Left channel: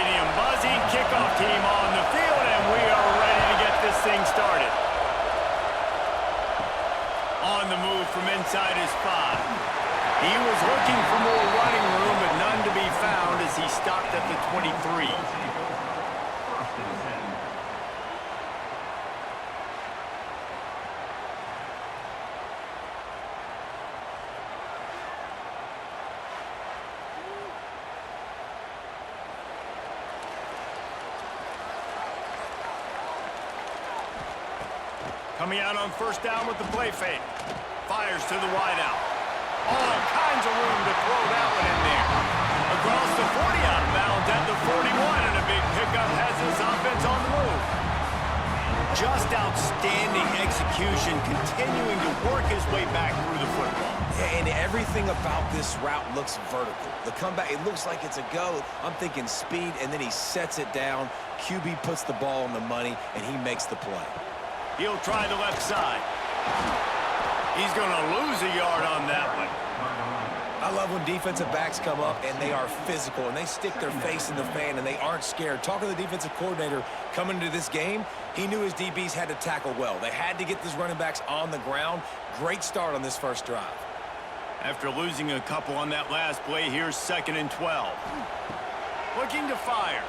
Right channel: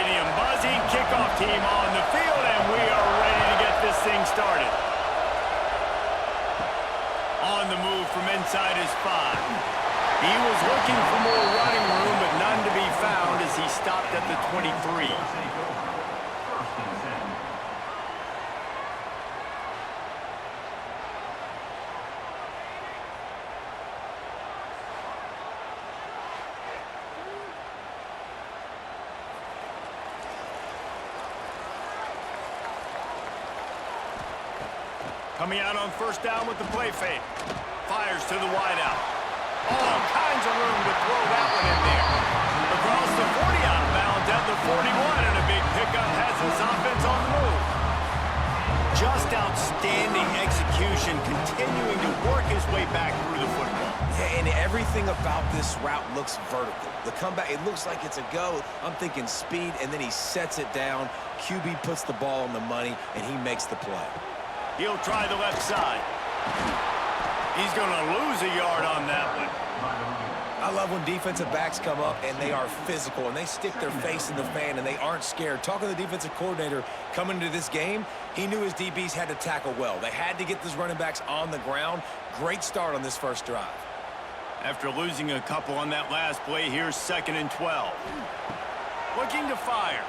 Stadium buzzing, kickoff team on the field, and we are ready to get this thing started. On the move from inside his 5. He was looking for more running room, but none to be found as he stopped at the 23. Coming out on first down with the play fake. Fires to the wideout. All kinds of room to throw that one in there. Across the 40 out of bounds at the 41, and a big pickup has this offense on the move. Just outstanding execution, continuing to work his way back through the football. Yeah, and everything about this route looks vertical. The comeback, it looks like it's a go. I'm thinking speed, and then he sets it down. QB puts the ball on the money, and he makes the play. He'll try the left side. He's going to lose a yard on that one. I love when defensive backs come up and they are physical and they stick their face in the fan and they aren't scared. Talking to the defensive coordinator coming into this game, he knew his DBs had to tackle well. They had to get those running backs on the ground. Great start on this first drive. After losing a couple on that last play, here's 2nd and 12. Looking to fire.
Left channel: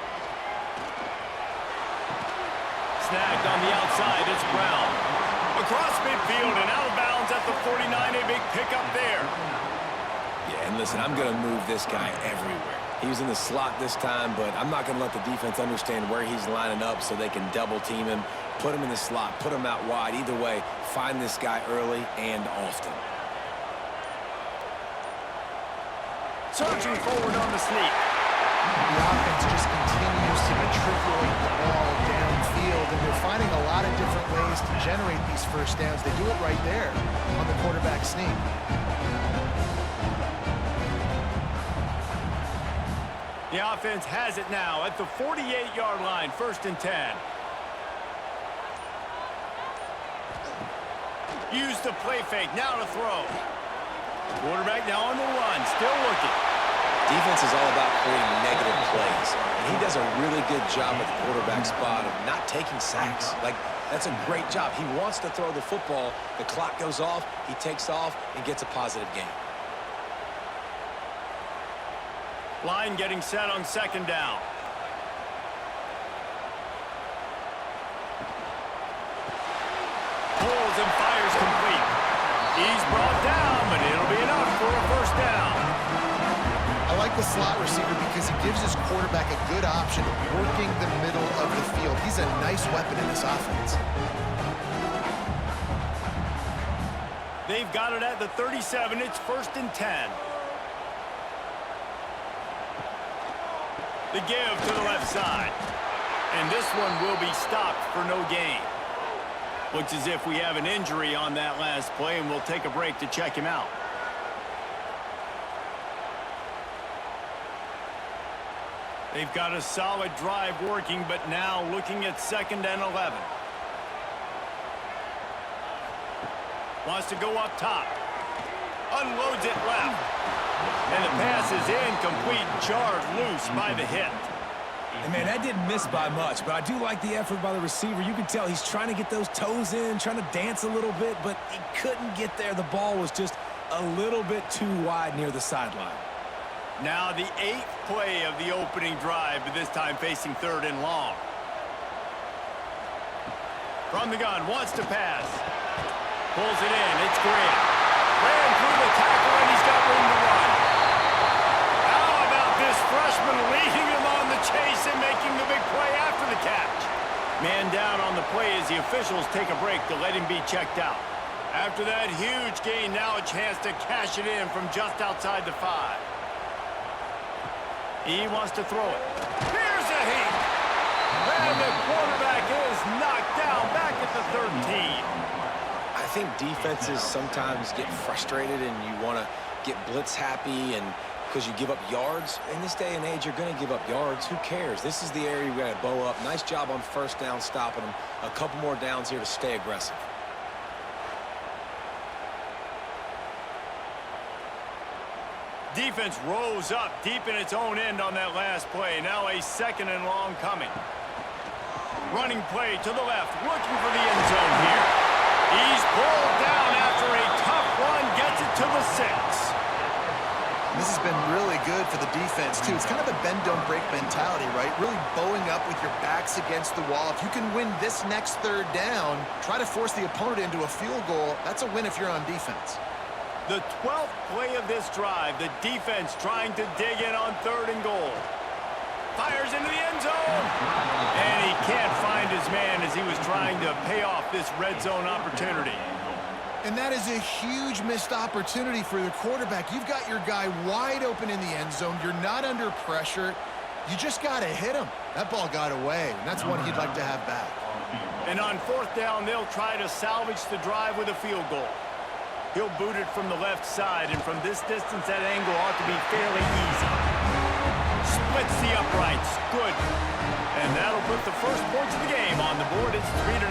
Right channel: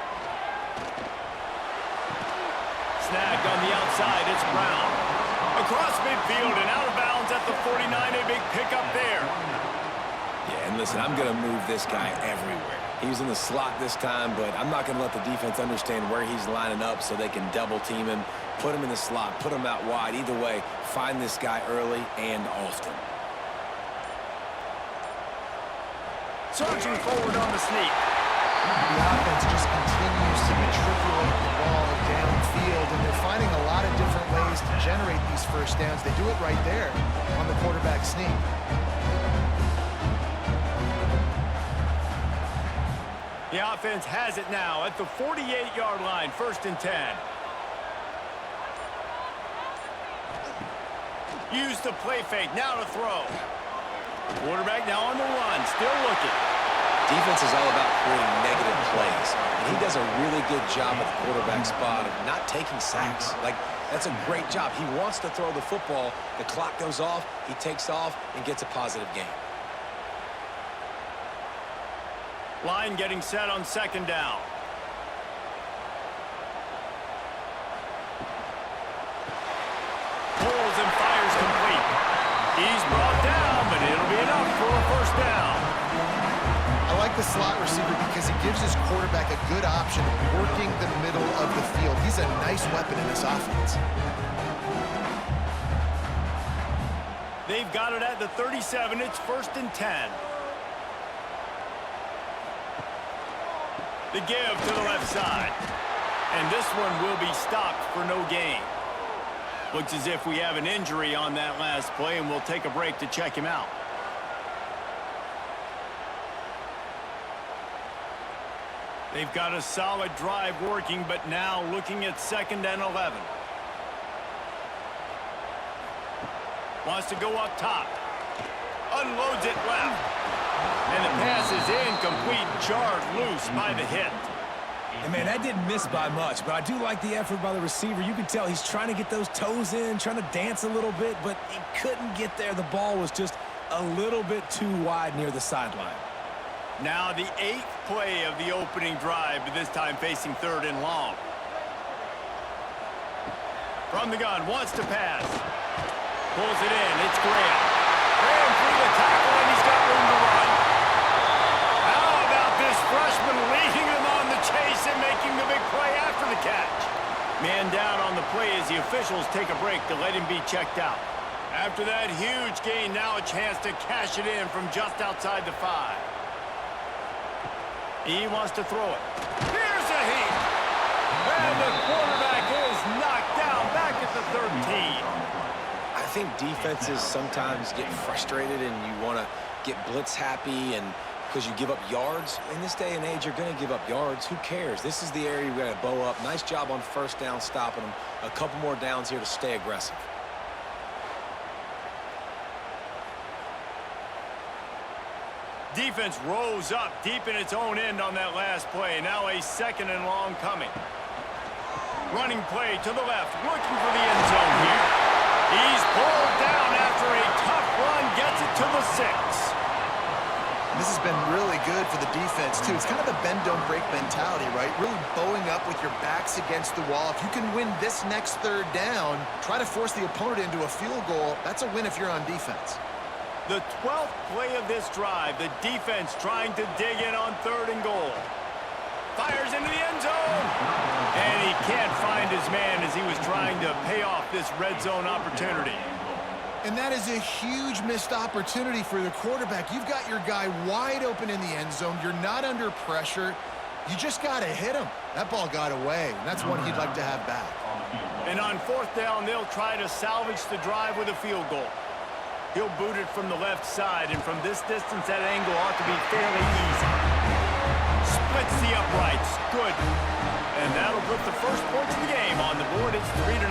Snagged on the outside, it's Brown. Across midfield and out of bounds at the 49, a big pickup there. Yeah, and listen, I'm going to move this guy everywhere. He was in the slot this time, but I'm not going to let the defense understand where he's lining up so they can double team him, put him in the slot, put him out wide. Either way, find this guy early and often. Surging forward on the sneak. The offense just continues to matriculate the ball downfield, and they're finding a lot of different ways to generate these first downs. They do it right there on the quarterback sneak. The offense has it now at the 48-yard line, 1st and 10. Use the play fake, now to throw. Quarterback now on the run, still looking. Defense is all about creating negative plays, and he does a really good job at the quarterback spot of not taking sacks. Like, that's a great job. He wants to throw the football. The clock goes off, he takes off, and gets a positive gain. Line getting set on 2nd down. Pulls and fires complete. He's brought down, but it'll be enough for a 1st down. I like the slot receiver because he gives his quarterback a good option working the middle of the field. He's a nice weapon in this offense. They've got it at the 37. It's 1st and 10. The give to the left side. And this one will be stopped for no gain. Looks as if we have an injury on that last play, and we'll take a break to check him out. They've got a solid drive working, but now looking at 2nd and 11. Wants to go up top. Unloads it left. And the pass is incomplete, jarred loose by the hit. And man, that didn't miss by much, but I do like the effort by the receiver. You can tell he's trying to get those toes in, trying to dance a little bit, but he couldn't get there. The ball was just a little bit too wide near the sideline. Now the 8th play of the opening drive, but this time facing 3rd and long. From the gun, wants to pass. Pulls it in, it's Graham. Ran through the tackle, and he's got room to run. How about this freshman leading him on the chase and making the big play after the catch? Man down on the play as the officials take a break to let him be checked out. After that huge gain, now a chance to cash it in from just outside the 5. He wants to throw it. Here's a heat. And the quarterback is knocked down back at the 13. I think defenses sometimes get frustrated and you want to get blitz happy and because you give up yards. In this day and age, you're going to give up yards. Who cares? This is the area we got to bow up. Nice job on 1st down stopping them. A couple more downs here to stay aggressive. Defense rose up deep in its own end on that last play. Now a 2nd and long coming. Running play to the left, looking for the end zone here. He's pulled down after a tough run, gets it to the 6. This has been really good for the defense, too. It's kind of a bend-don't-break mentality, right? Really bowing up with your backs against the wall. If you can win this next 3rd down, try to force the opponent into a field goal. That's a win if you're on defense. The 12th play of this drive, the defense trying to dig in on 3rd and goal. Fires into the end zone. And he can't find his man as he was trying to pay off this red zone opportunity. And that is a huge missed opportunity for the quarterback. You've got your guy wide open in the end zone. You're not under pressure. You just got to hit him. That ball got away, and that's one he'd like to have back. And on 4th down, they'll try to salvage the drive with a field goal. He'll boot it from the left side, and from this distance, that angle ought to be fairly easy. Splits the uprights. Good. And that'll put the first points of the game on the board. It's 3-0.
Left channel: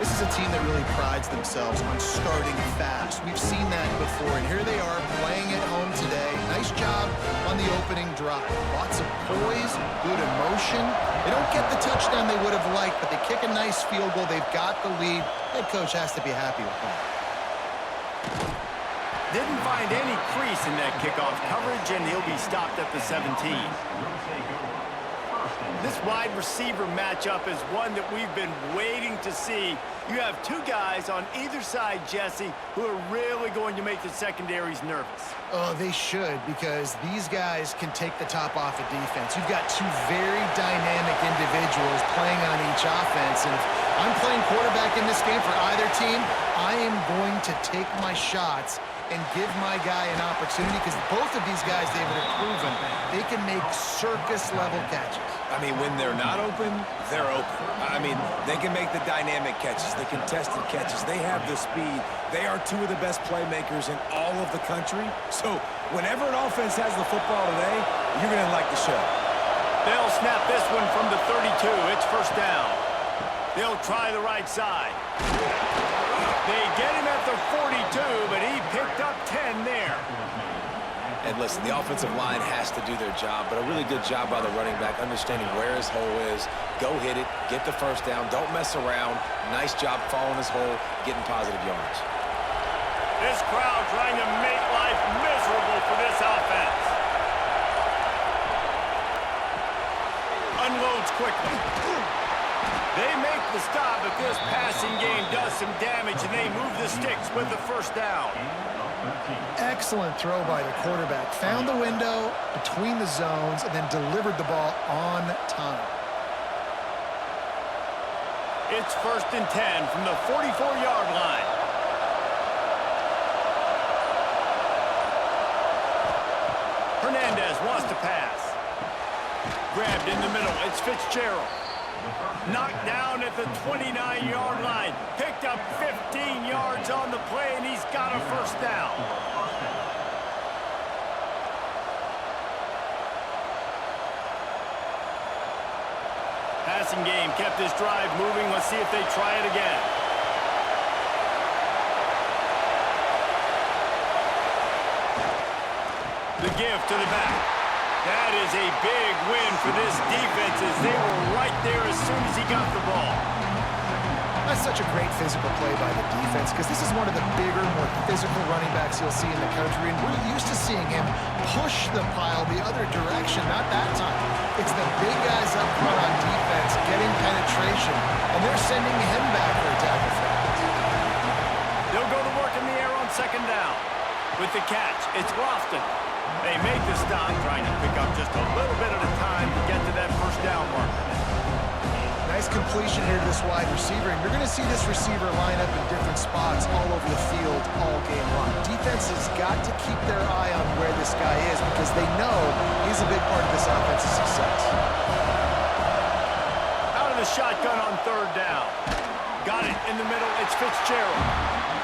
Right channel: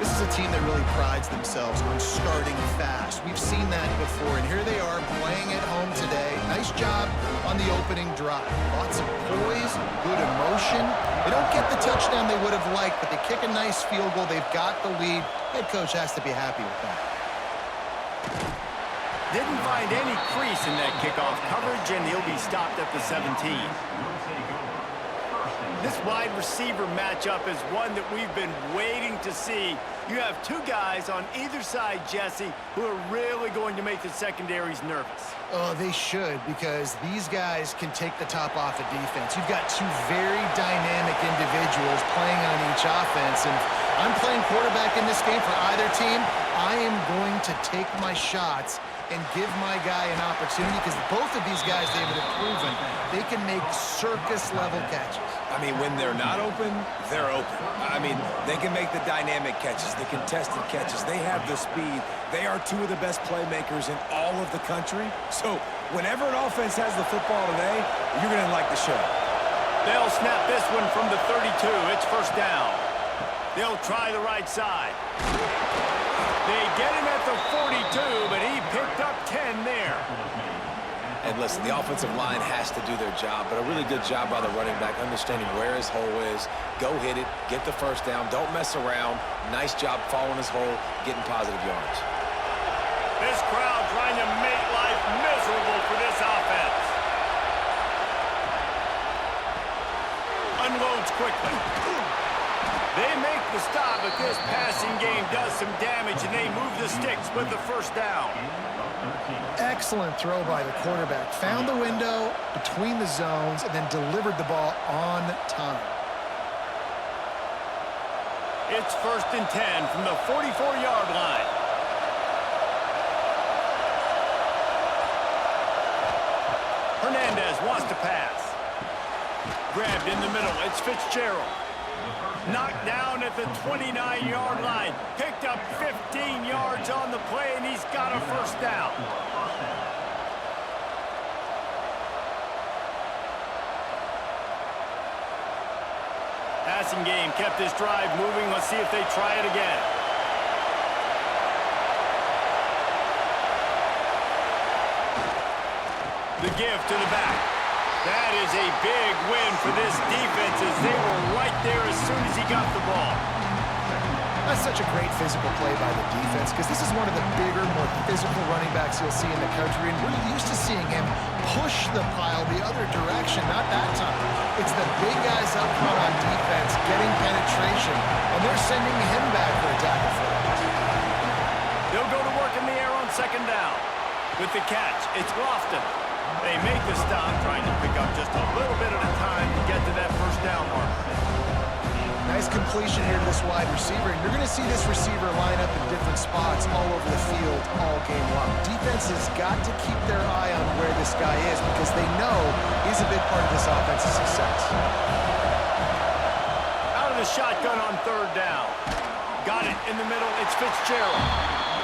This is a team that really prides themselves on starting fast. We've seen that before, and here they are playing at home today. Nice job on the opening drive. Lots of poise, good emotion. They don't get the touchdown they would have liked, but they kick a nice field goal. They've got the lead. Head coach has to be happy with that. Didn't find any crease in that kickoff coverage, and he'll be stopped at the 17. This wide receiver matchup is one that we've been waiting to see. You have 2 guys on either side, Jesse, who are really going to make the secondaries nervous. Oh, they should, because these guys can take the top off a defense. You've got 2 very dynamic individuals playing on each offense, and if I'm playing quarterback in this game for either team, I am going to take my shots and give my guy an opportunity, because both of these guys, David, have proven they can make circus-level catches. I mean, when they're not open, they're open. I mean, they can make the dynamic catches, the contested catches. They have the speed. They are 2 of the best playmakers in all of the country. So whenever an offense has the football today, you're going to like the show. They'll snap this one from the 32. It's 1st down. They'll try the right side. They get him at the 42, but he picked up 10 there. And listen, the offensive line has to do their job, but a really good job by the running back, understanding where his hole is. Go hit it, get the 1st down, don't mess around. Nice job following his hole, getting positive yards. This crowd trying to make life miserable for this offense. Unloads quickly. They make the stop, but this passing game does some damage, and they move the sticks with the 1st down. Excellent throw by the quarterback. Found the window between the zones and then delivered the ball on time. It's 1st and 10 from the 44-yard line. Hernandez wants to pass. Grabbed in the middle. It's Fitzgerald. Knocked down at the 29-yard line. Picked up 15 yards on the play, and he's got a 1st down. Passing game kept this drive moving. Let's see if they try it again. The give to the back. That is a big win for this defense, as they were right there as soon as he got the ball. That's such a great physical play by the defense, because this is one of the bigger, more physical running backs you'll see in the country, and we're used to seeing him push the pile the other direction. Not that time. It's the big guys up front on defense getting penetration, and they're sending him back for a tackle for that. They'll go to work in the air on 2nd down. With the catch, it's Lofton. They make the stop, trying to pick up just a little bit at a time to get to that 1st down marker. Nice completion here to this wide receiver, and you're going to see this receiver line up in different spots all over the field all game long. Defense has got to keep their eye on where this guy is, because they know he's a big part of this offense's success. Out of the shotgun on 3rd down. Got it in the middle. It's Fitzgerald.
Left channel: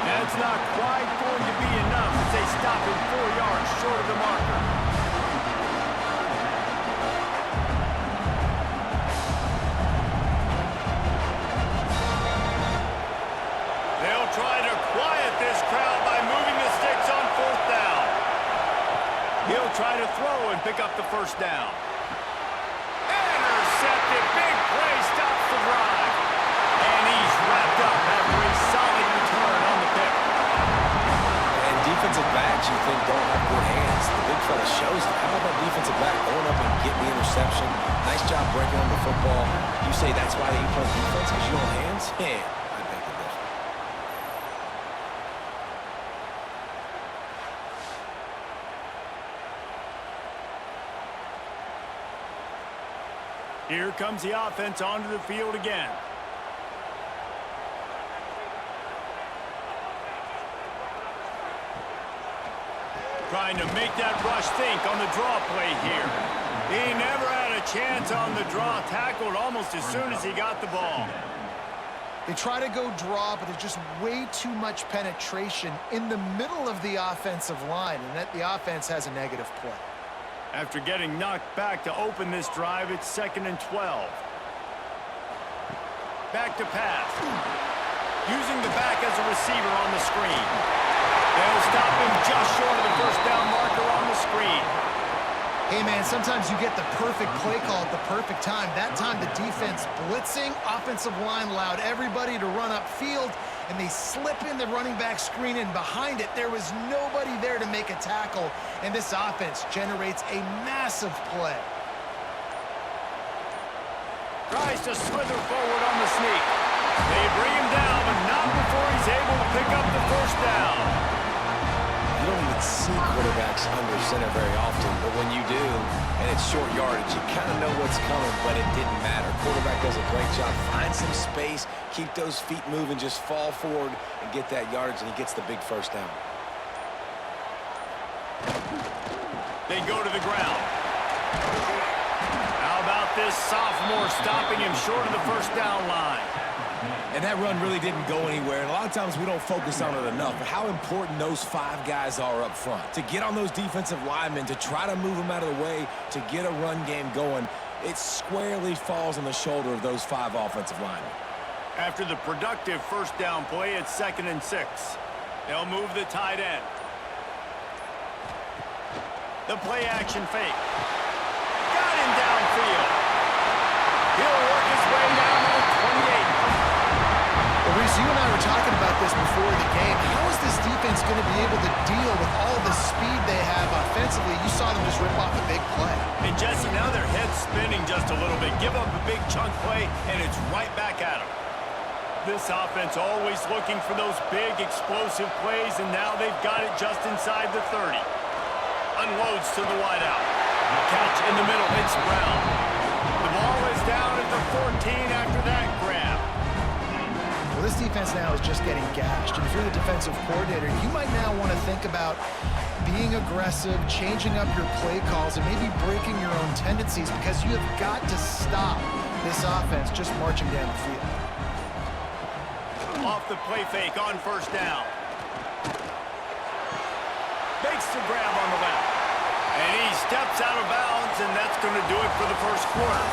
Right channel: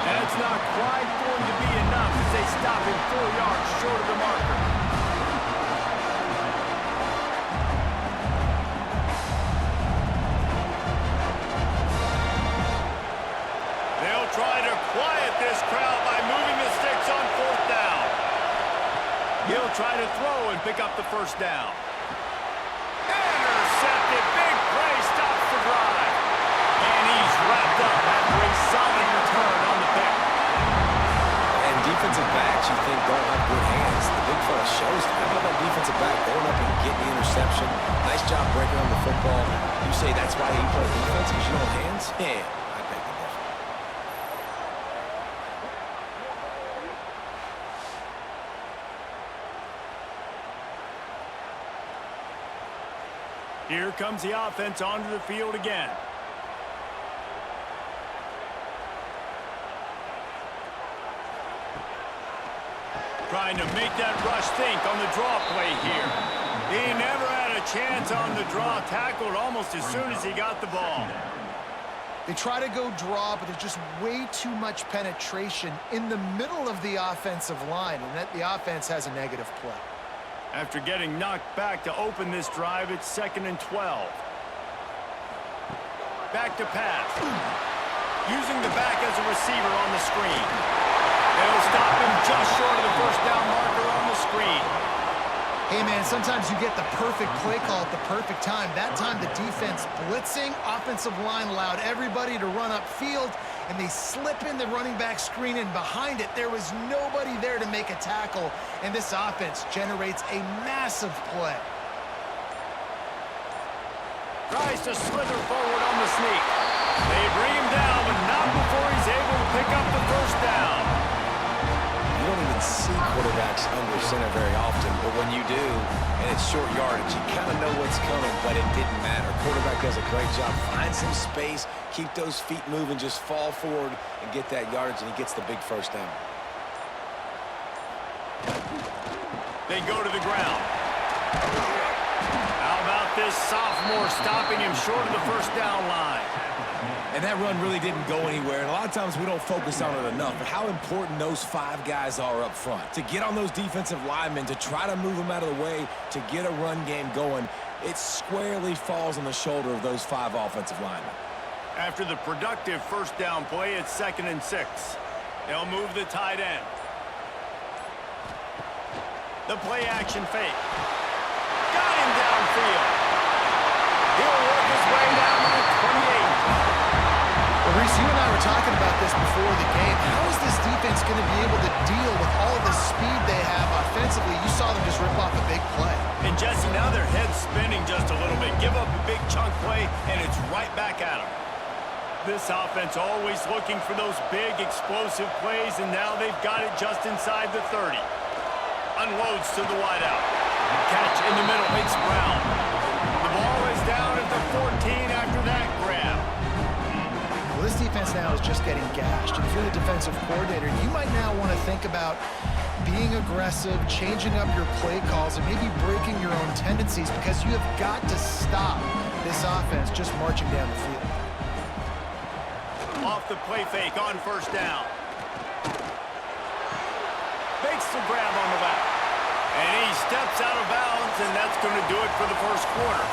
And it's not quite going to be enough as they stop him 4 yards short of the marker. They'll try to quiet this crowd by moving the sticks on 4th down. throw and pick up the first down. Intercepted. Big play stops the drive. And he's wrapped up after a solid return on the pick. And defensive backs you think don't have good hands. The big fella shows it. How about that defensive back going up and getting the interception? Nice job breaking on the football. You say that's why you play defense because you don't have hands? Yeah, I beg to differ. Here comes the offense onto the field again. Trying to make that rush think on the draw play here. He never had a chance on the draw. Tackled almost as soon as he got the ball. They try to go draw, but there's just way too much penetration in the middle of the offensive line, and that the offense has a negative play. After getting knocked back to open this drive, it's 2nd and 12. Back to pass. Using the back as a receiver on the screen. They'll stop him just short of the first down marker on the screen. Hey, man, sometimes you get the perfect play call at the perfect time. That time the defense blitzing, offensive line allowed everybody to run upfield, and they slip in the running back screen, and behind it, there was nobody there to make a tackle, and this offense generates a massive play. Tries to slither forward on the sneak. They bring him down, but not before he's able to pick up the first down. You don't even see quarterbacks under center very often, but when you do, and it's short yardage, you kind of know what's coming, but it didn't matter. Quarterback does a great job. Find some space, keep those feet moving, just fall forward and get that yardage, and he gets the big first down. They go to the ground. How about this sophomore stopping him short of the first down line? And that run really didn't go anywhere, and a lot of times we don't focus on it enough, but how important those 5 guys are up front. To get on those defensive linemen, to try to move them out of the way, to get a run game going, it squarely falls on the shoulder of those 5 offensive linemen. After the productive first down play, it's 2nd and 6. They'll move the tight end. The play action fake. Got him downfield. He'll work his way down to the 28. Well, Reese, you and I were talking about this before the game. How is this defense going to be able to deal with all the speed they have offensively? You saw them just rip off a big play. And, Jesse, now their head's spinning just a little bit. Give up a big chunk play, and it's right back at them. This offense always looking for those big, explosive plays, and now they've got it just inside the 30. Unloads to the wideout. Catch in the middle. It's Brown. The ball is down at the 14 after that grab. Well, this defense now is just getting gashed. And if you're the defensive coordinator, you might now want to think about being aggressive, changing up your play calls, and maybe breaking your own tendencies because you have got to stop this offense just marching down the field. Off the play fake on first down. Makes the grab on the left. And he steps out of bounds, and that's going to do it for the first quarter.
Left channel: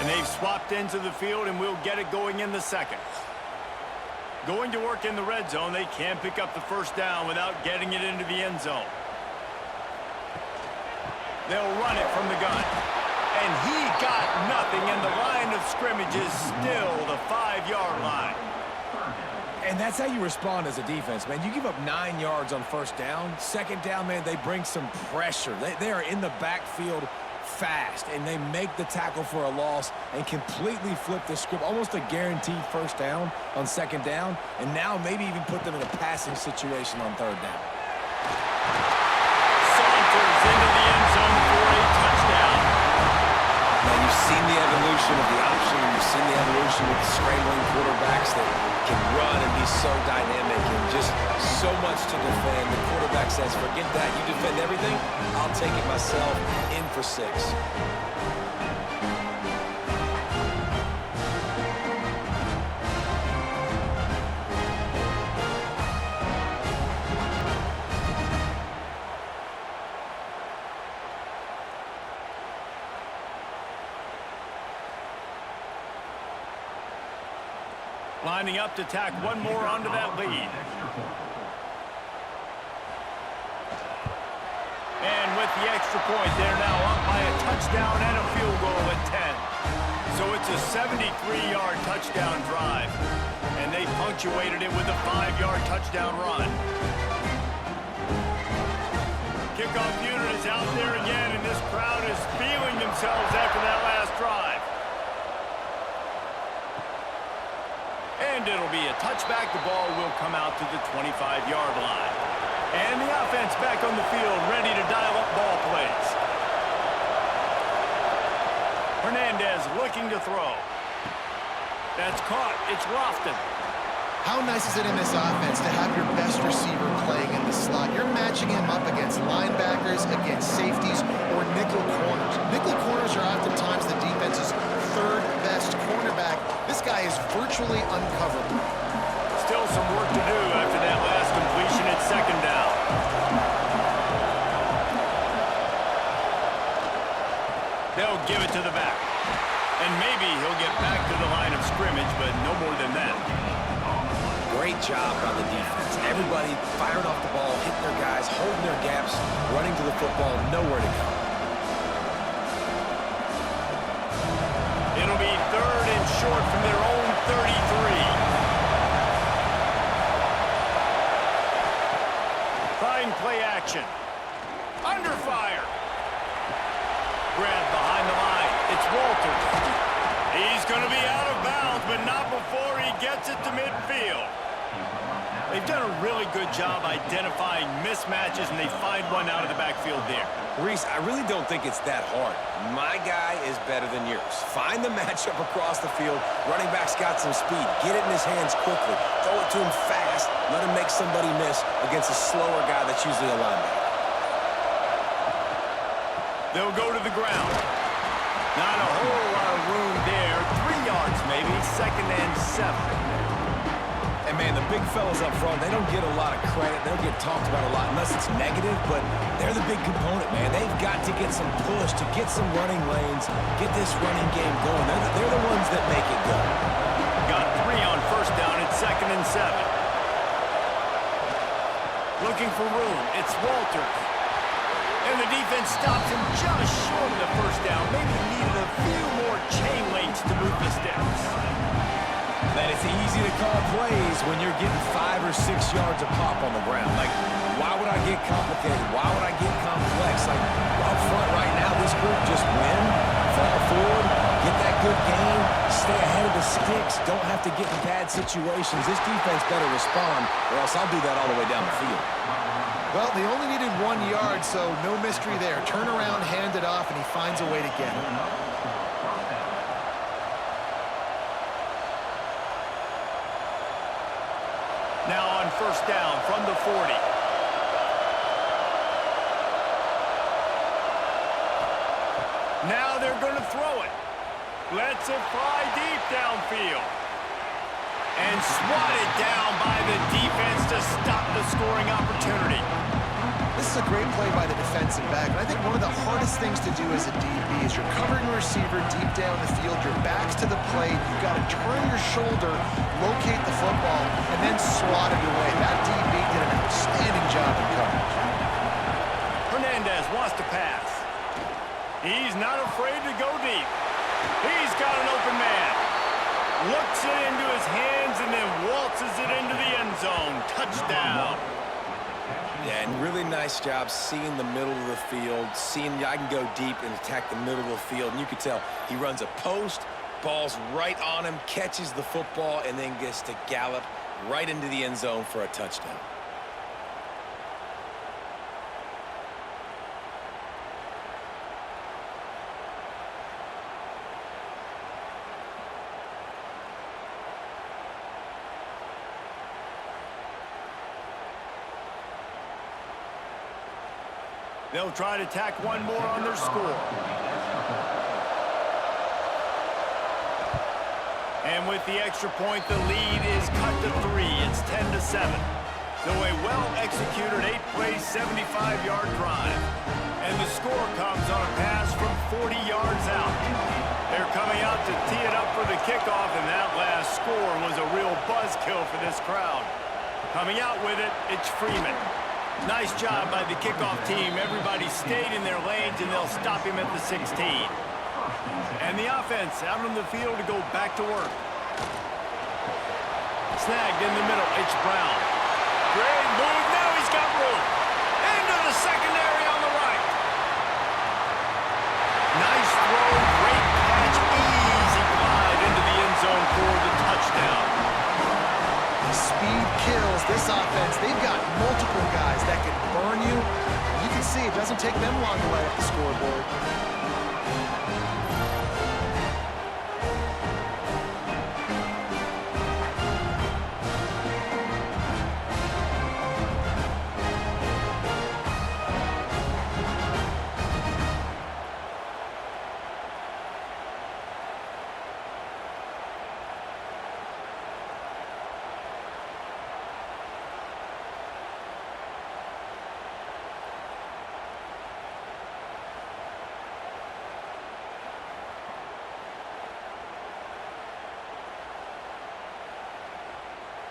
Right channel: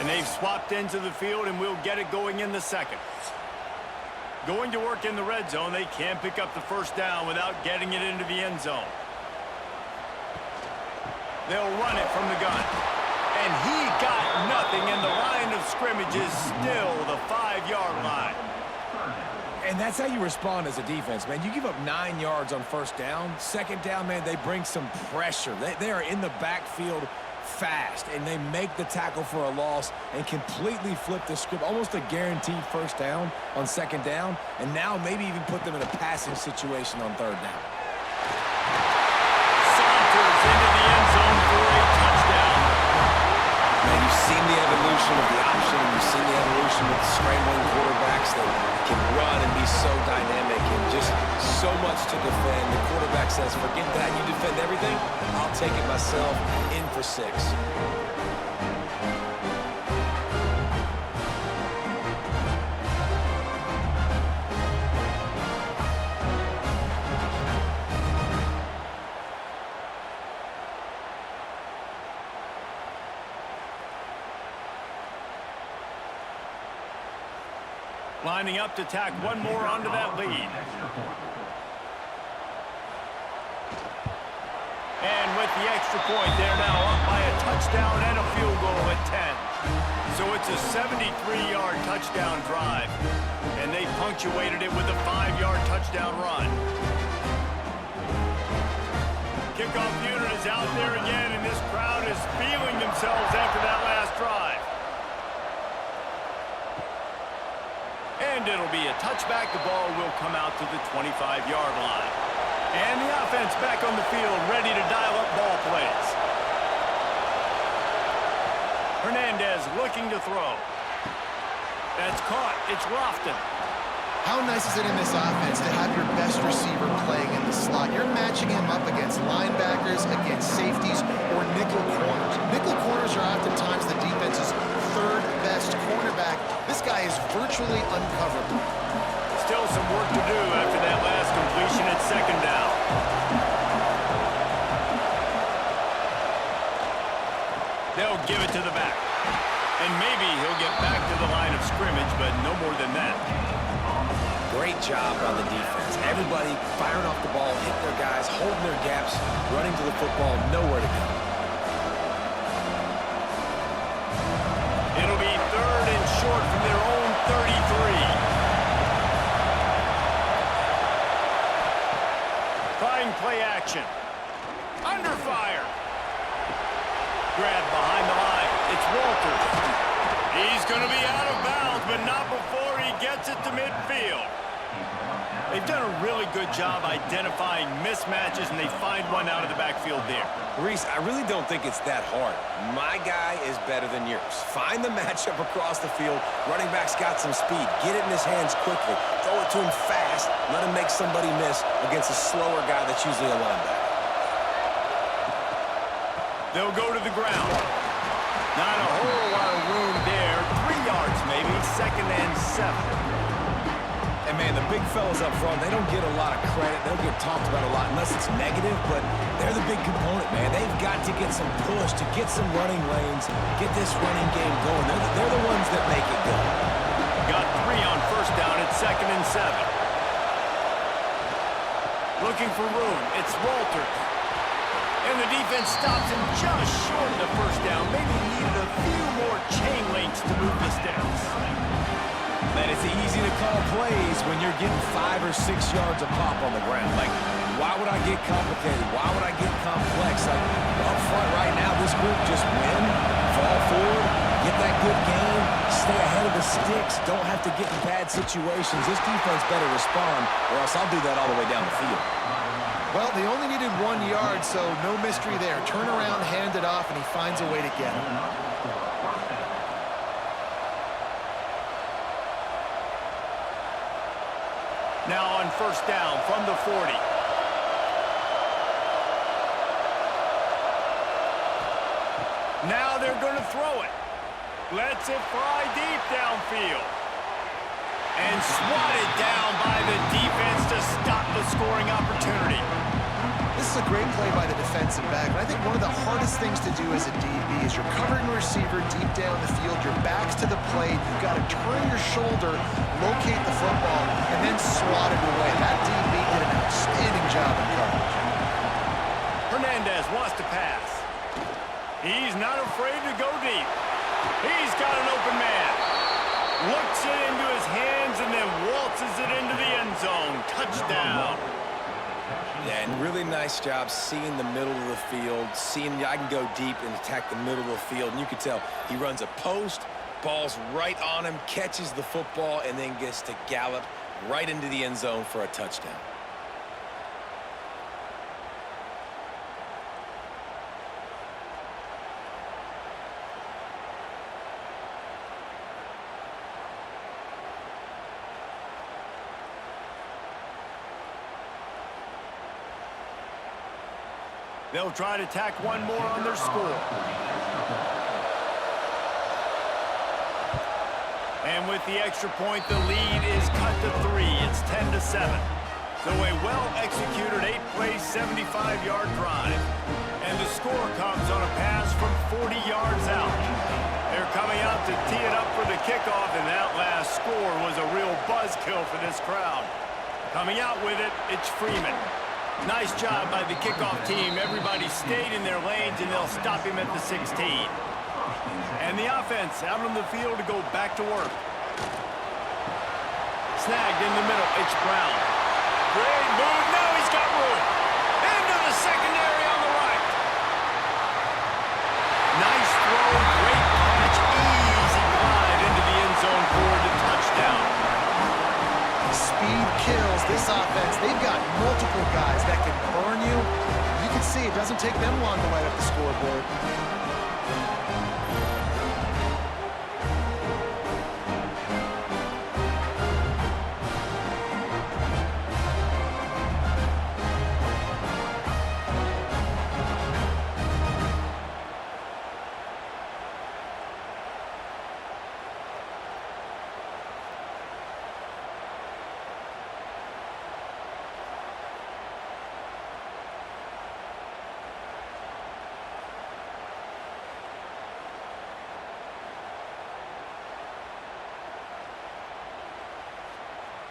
And they've swapped into the field, and we'll get it going in the second. Going to work in the red zone, they can't pick up the first down without getting it into the end zone. They'll run it from the gun. And he got nothing, and the line of scrimmage is still the 5-yard line. And that's how you respond as a defense, man. You give up 9 yards on first down. Second down, man, they bring some pressure. They are in the backfield fast, and they make the tackle for a loss and completely flip the script. Almost a guaranteed first down on second down, and now maybe even put them in a passing situation on third down. Saunters into the end zone for a touchdown. Man, you've seen the evolution of the option, and you've seen the evolution with the scrambling quarterbacks that can run and be so dynamic and just so much to defend. The quarterback says, forget that. You defend everything, I'll take it myself. In for 6. Lining up to tack one more onto that lead. And with the extra point, they're now up by a touchdown and a field goal at 10. So it's a 73-yard touchdown drive, and they punctuated it with a 5-yard touchdown run. Kickoff unit is out there again, and this crowd is feeling themselves after that last drive. And it'll be a touchback. The ball will come out to the 25-yard line. And the offense back on the field, ready to dial up ball plays. Hernandez looking to throw. That's caught. It's Lofton. How nice is it in this offense to have your best receiver playing in the slot? You're matching him up against linebackers, against safeties, or nickel corners. Nickel corners are oftentimes the defense's third best cornerback. This guy is virtually uncoverable. Still some work to do after that last completion at second down. They'll give it to the back. And maybe he'll get back to the line of scrimmage, but no more than that. Great job by the defense. Everybody firing off the ball, hitting their guys, holding their gaps, running to the football, nowhere to go. It'll be 3rd and short from their own 33. Trying play action. Under fire. Grab behind the line. It's Walters. He's going to be out of bounds, but not before he gets it to midfield. They've done a really good job identifying mismatches, and they find one out of the backfield there. Reese, I really don't think it's that hard. My guy is better than yours. Find the matchup across the field. Running back's got some speed. Get it in his hands quickly. Throw it to him fast. Let him make somebody miss against a slower guy that's usually a linebacker. They'll go to the ground. Not a whole lot of room there. 3 yards maybe. 2nd and 7. And, man, the big fellas up front, they don't get a lot of credit. They'll get talked about a lot unless it's negative, but they're the big component, man. They've got to get some push, to get some running lanes, get this running game going. They're the ones that make it go. Got 3 on 1st down at 2nd and 7. Looking for room. It's Walters. And the defense stops him just short of the 1st down. Maybe needed a few more chain links to move the steps. Man, it's easy to call plays when you're getting 5 or 6 yards of pop on the ground. Like, why would I get complicated? Why would I get complex? Like, up front right now, this group just win, fall forward, get that good gain, stay ahead of the sticks, don't have to get in bad situations. This defense better respond, or else I'll do that all the way down the field. Well, they only needed 1 yard, so no mystery there. Turn around, hand it off, and he finds a way to get it. Now on 1st down from the 40. Now they're going to throw it. Lets it fly deep downfield. And swatted down by the defense to stop the scoring opportunity. This is a great play by the defensive back, and I think one of the hardest things to do as a DB is you're covering a receiver deep down the field, your back's to the plate, you've got to turn your shoulder, locate the football, and then swat it away. That DB did an outstanding job in coverage. Hernandez wants to pass. He's not afraid to go deep. He's got an open man. Looks it into his hands and then waltzes it into the end zone. Touchdown. Yeah, and really nice job seeing the middle of the field, seeing I can go deep and attack the middle of the field. And you can tell he runs a post, ball's right on him, catches the football, and then gets to gallop right into the end zone for a touchdown. They'll try to tack one more on their score. And with the extra point, the lead is cut to 3. It's 10-7. So a well-executed 8-play, 75-yard drive. And the score comes on a pass from 40 yards out. They're coming out to tee it up for the kickoff, and that last score was a real buzzkill for this crowd. Coming out with it, it's Freeman. Nice job by the kickoff team. Everybody stayed in their lanes, and they'll stop him at the 16. And the offense out on the field to go back to work. Snagged in the middle, it's Brown. Great move, now he's got room. Into the secondary on the right. Nice throw, great catch, easy glide into the end zone for the touchdown. Speed kills this offense. They've got multiple guys that can burn you. You can see it doesn't take them long to light up the scoreboard.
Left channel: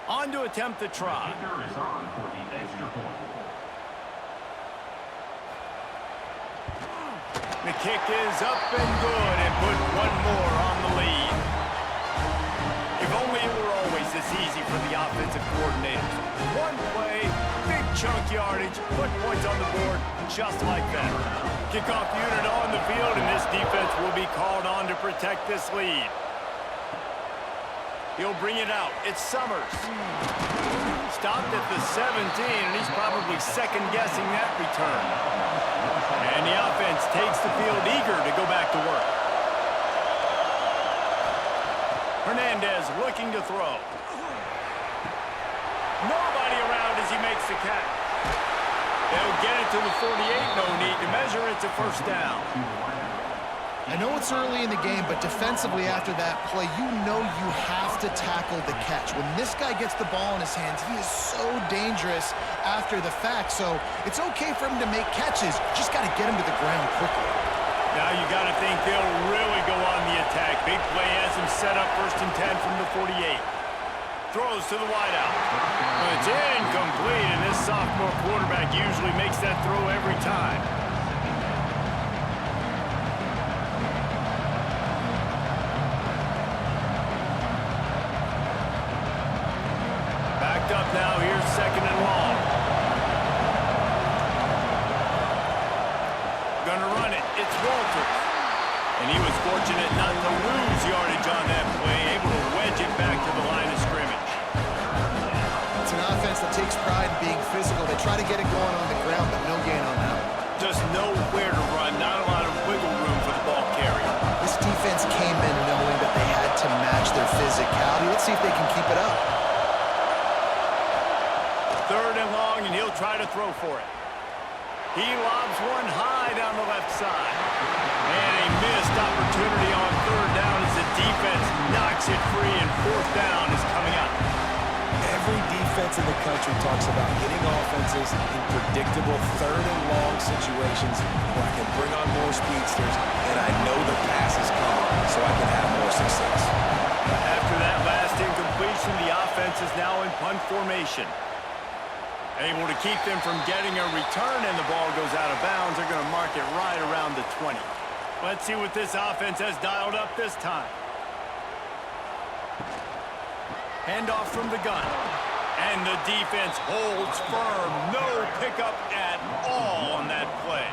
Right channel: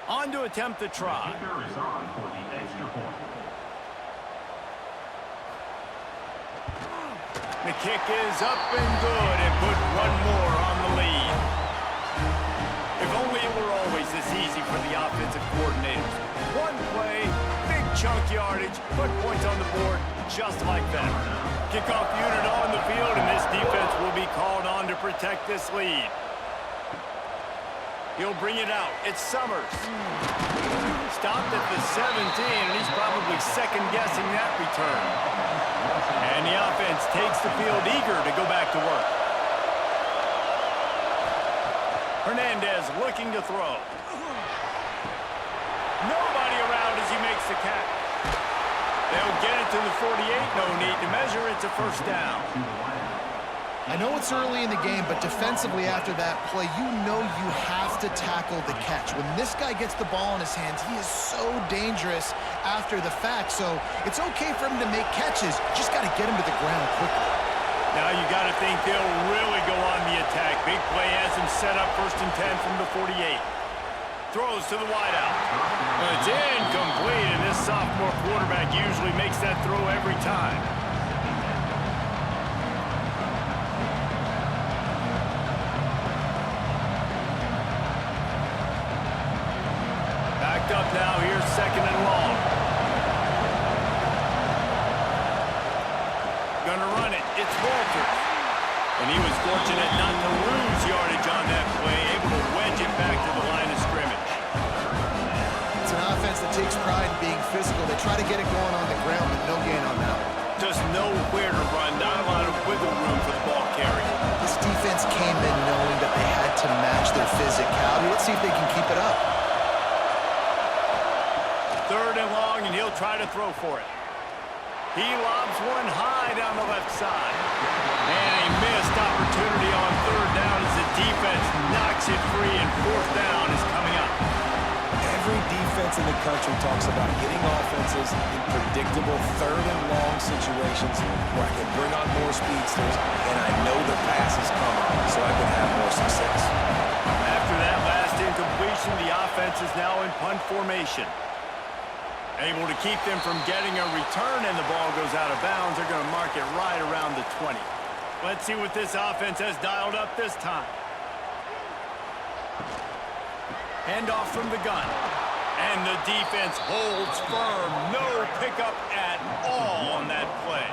On to attempt the try. The kicker is on for the extra point. The kick is up and good and put one more on the lead. If only it were always this easy for the offensive coordinators. One play, big chunk yardage, put points on the board just like that. Kickoff unit on the field, and this defense will be called on to protect this lead. He'll bring it out. It's Summers. Stopped at the 17, and he's probably second-guessing that return. And the offense takes the field eager to go back to work. Hernandez looking to throw. Nobody around as he makes the catch. They'll get it to the 48. No need to measure. It's a first down. I know it's early in the game, but defensively after that play, you know you have to tackle the catch. When this guy gets the ball in his hands, he is so dangerous after the fact. So it's okay for him to make catches. You just got to get him to the ground quickly. Now you got to think they'll really go on the attack. Big play has him set up 1st and 10 from the 48. Throws to the wideout. It's incomplete, and this sophomore quarterback usually makes that throw every time. Backed up now, here's 2nd and long. Gonna run it, it's Walters. And he was fortunate not to lose yardage on that play, able to wedge it back to the line of scrimmage. It's an offense that takes pride in being physical. They try to get it going on the ground, but no gain on that one. Just nowhere to run, not a lot of wiggle room for the ball carrier. This defense came in knowing that they had to match their physicality. Let's see if they can keep it up. 3rd and long, and he'll try to throw for it. He lobs one high down the left side. And a missed opportunity on 3rd down as the defense knocks it free, and 4th down is coming up. Every defense in the country talks about getting offenses in predictable 3rd and long situations where I can bring on more speedsters and I know the pass is coming so I can have more success. After that last incompletion, the offense is now in punt formation. Able to keep them from getting a return, and the ball goes out of bounds. They're going to mark it right around the 20. Let's see what this offense has dialed up this time. Handoff from the gun. And the defense holds firm. No pickup at all on that play.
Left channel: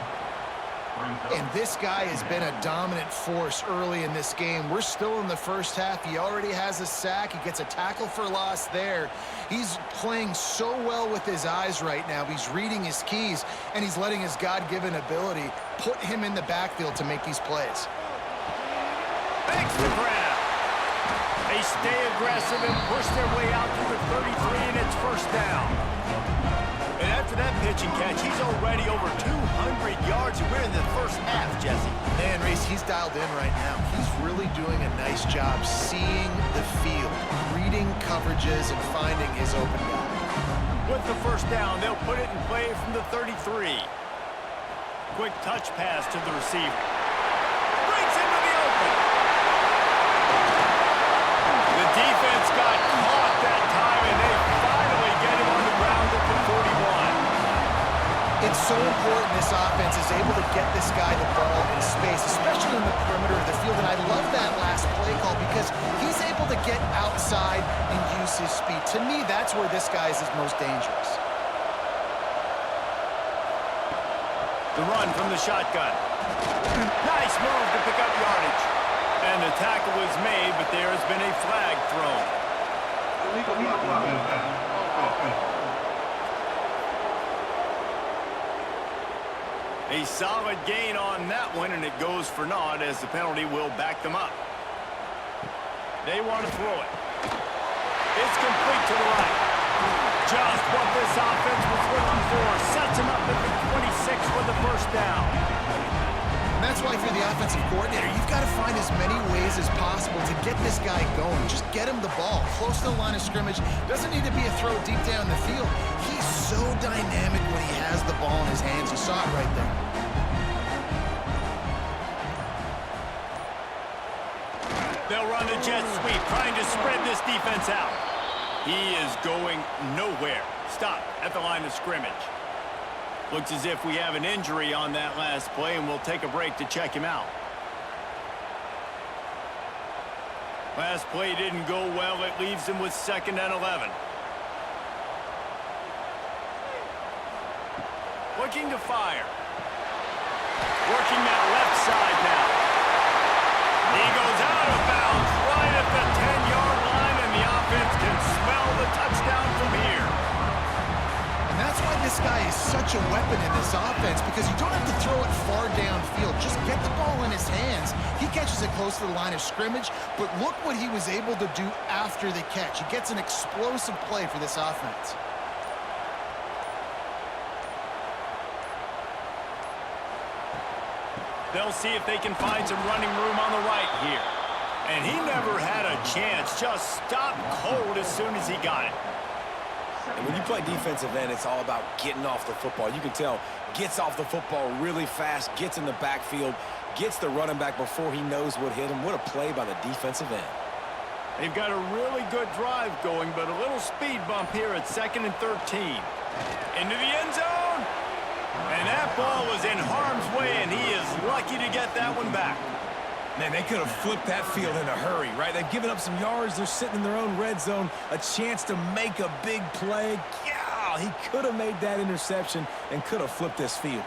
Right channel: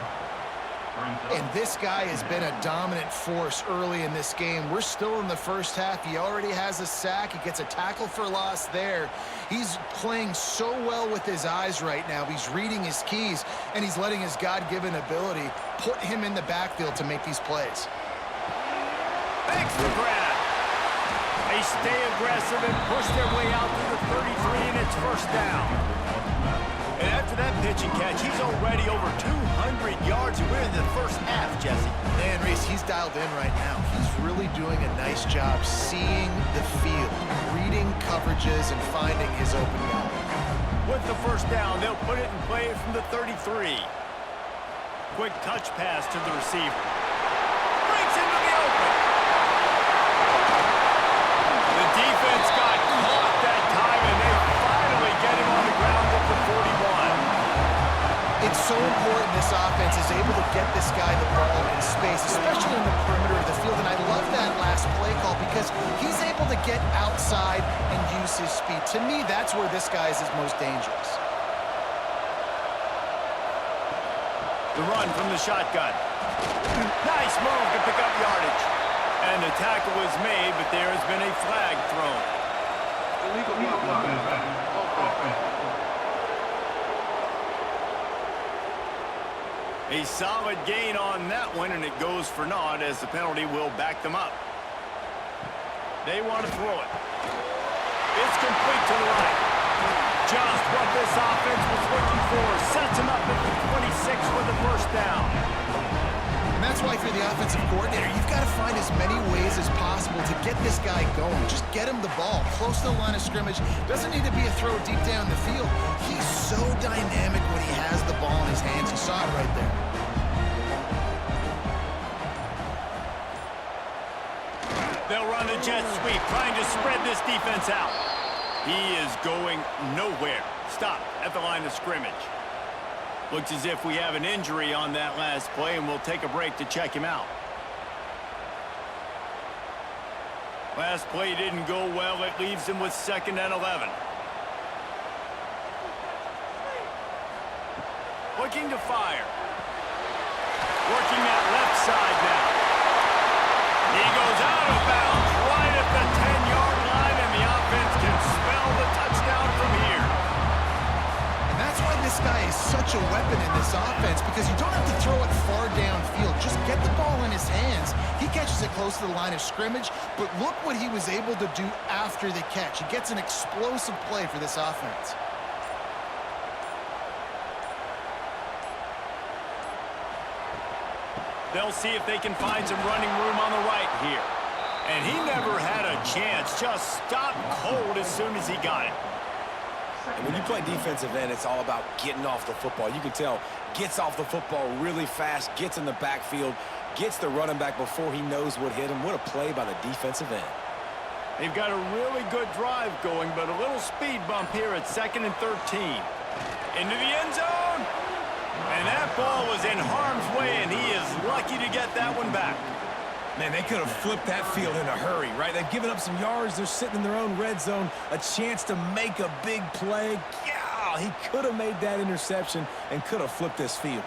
And this guy has been a dominant force early in this game. We're still in the first half. He already has a sack. He gets a tackle for loss there. He's playing so well with his eyes right now. He's reading his keys, and he's letting his God-given ability put him in the backfield to make these plays. Thanks for the grab. They stay aggressive and push their way out to the 33, and it's 1st down. And after that pitch and catch, he's already over 200 yards, and we're in the first half, Jesse. Man, Reese, he's dialed in right now. He's really doing a nice job seeing the field, reading coverages, and finding his open guy. With the 1st down, they'll put it in play from the 33. Quick touch pass to the receiver. Breaks into the open. The defense got caught that time, and they finally get him on the ground at the 41. It's so important this offense is able to get this guy the ball in space, especially in the perimeter of the field. And I love that last play call because he's able to get outside and use his speed. To me, that's where this guy is his most dangerous. The run from the shotgun. Nice move to pick up yardage. And the tackle was made, but there has been a flag thrown. Illegal offense. A solid gain on that one, and it goes for naught as the penalty will back them up. They want to throw it. It's complete to the right. Just what this offense was looking for. Sets him up at the 26 for the first down. And that's why, if you're the offensive coordinator, you've got to find as many ways as possible to get this guy going. Just get him the ball close to the line of scrimmage. Doesn't need to be a throw deep down the field. He's so dynamic when he has the ball in his hands. You saw it right there. They'll run the jet sweep, trying to spread this defense out. He is going nowhere. Stop at the line of scrimmage. Looks as if we have an injury on that last play, and we'll take a break to check him out. Last play didn't go well. It leaves him with 2nd and 11. Looking to fire. Working that left side now. He goes out of bounds right at the 10-yard line, and the offense can smell the touchdown from here. And that's why this guy is such a weapon in this offense, because you don't have to throw it far downfield. Just get the ball in his hands. He catches it close to the line of scrimmage, but look what he was able to do after the catch. He gets an explosive play for this offense. They'll see if they can find some running room on the right here. And he never had a chance. Just stopped cold as soon as he got it. And when you play defensive end, it's all about getting off the football. You can tell, gets off the football really fast, gets in the backfield, gets the running back before he knows what hit him. What a play by the defensive end. They've got a really good drive going, but a little speed bump here at 2nd and 13. Into the end zone. And that ball was in harm's way, and he is lucky to get that one back. Man, they could have flipped that field in a hurry, right? They've given up some yards. They're sitting in their own red zone. A chance to make a big play. Yeah, he could have made that interception and could have flipped this field.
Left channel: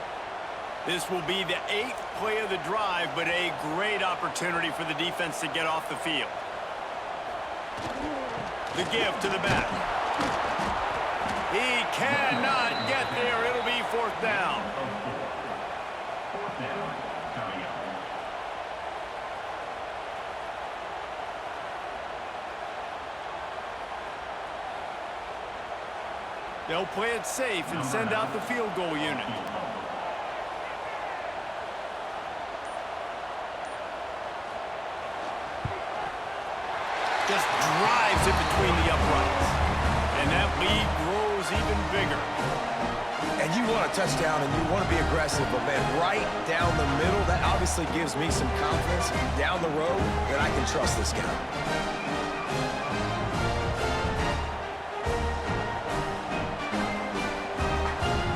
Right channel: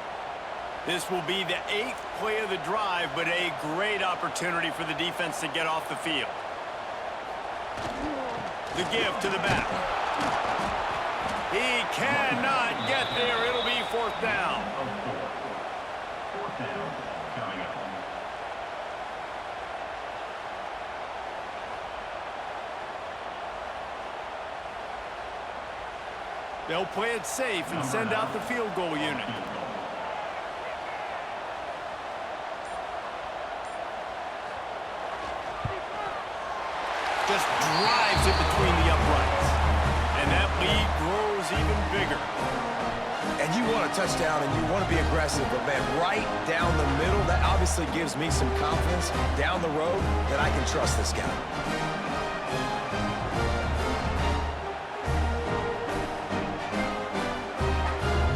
This will be the 8th play of the drive, but a great opportunity for the defense to get off the field. The give to the back. He cannot get there. It'll be 4th down. 4th down coming up. They'll play it safe and send out the field goal unit. Just drives it between the uprights. And that lead grows even bigger. And you want a touchdown and you want to be aggressive, but man, right down the middle, that obviously gives me some confidence down the road that I can trust this guy.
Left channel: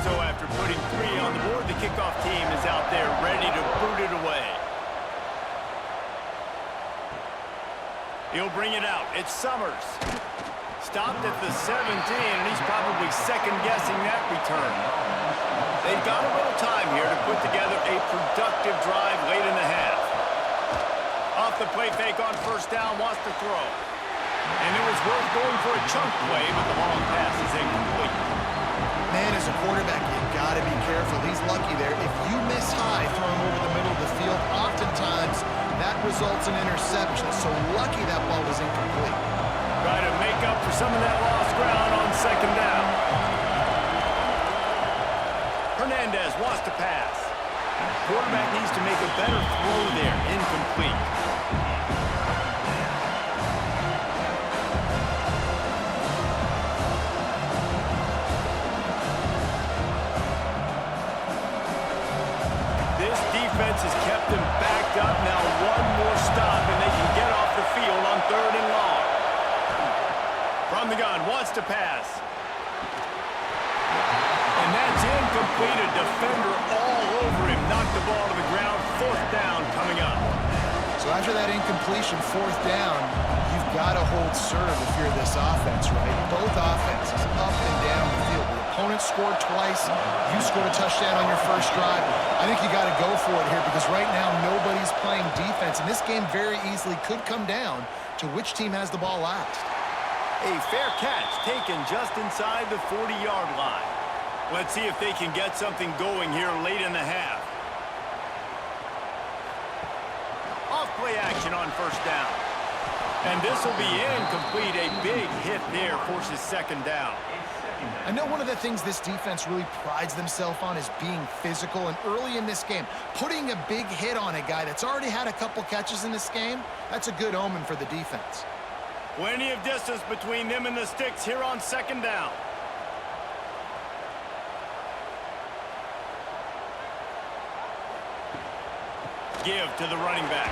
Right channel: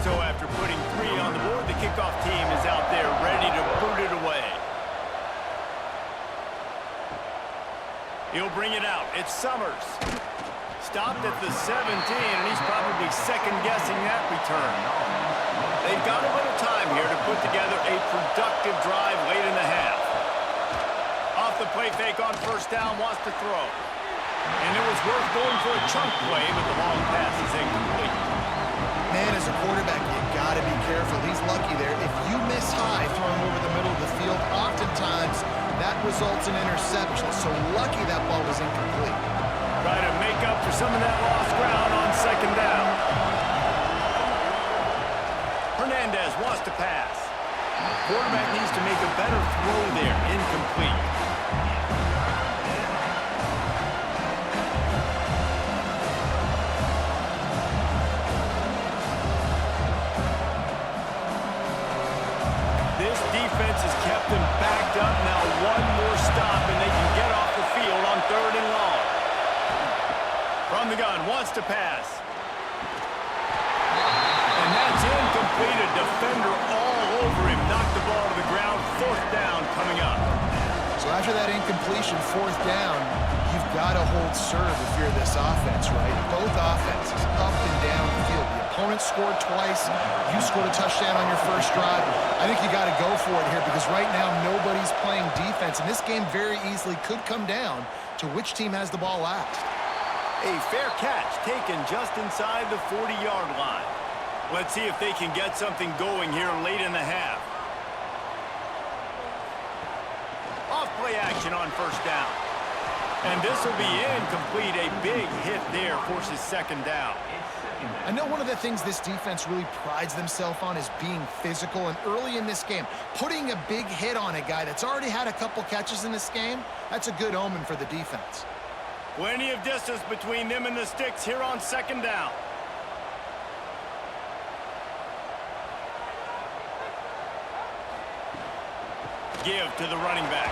So after putting 3 on the board, the kickoff team is out there ready to boot it away. He'll bring it out. It's Summers. Stopped at the 17, and he's probably second-guessing that return. They've got a little time here to put together a productive drive late in the half. Off the play fake on 1st down, wants to throw. And it was worth going for a chunk play, but the long pass is incomplete. Man, as a quarterback, you got to be careful. He's lucky there. If you miss high throwing over the middle of the field, oftentimes that results in interception. So lucky that ball was incomplete. Try to make up for some of that lost ground on 2nd down. Hernandez wants to pass. Quarterback needs to make a better throw there. Incomplete. This defense has kept them backed up. Now one more stop, and they can get off the field on 3rd and long. From the gun, wants to pass. And that's incomplete. A defender all over him. Knocked the ball to the ground. 4th down coming up. So after that incompletion, 4th down, you've got to hold serve if you're this offense, right? Both offenses up and down the field. The opponent scored twice. You scored a touchdown on your first drive. I think you got to go for it here because right now nobody's playing defense. And this game very easily could come down to which team has the ball last. A fair catch taken just inside the 40-yard line. Let's see if they can get something going here late in the half. Off play action on 1st down. And this will be incomplete. A big hit there forces 2nd down. I know one of the things this defense really prides themselves on is being physical, and early in this game, putting a big hit on a guy that's already had a couple catches in this game, that's a good omen for the defense. Plenty of distance between them and the sticks here on 2nd down. Give to the running back.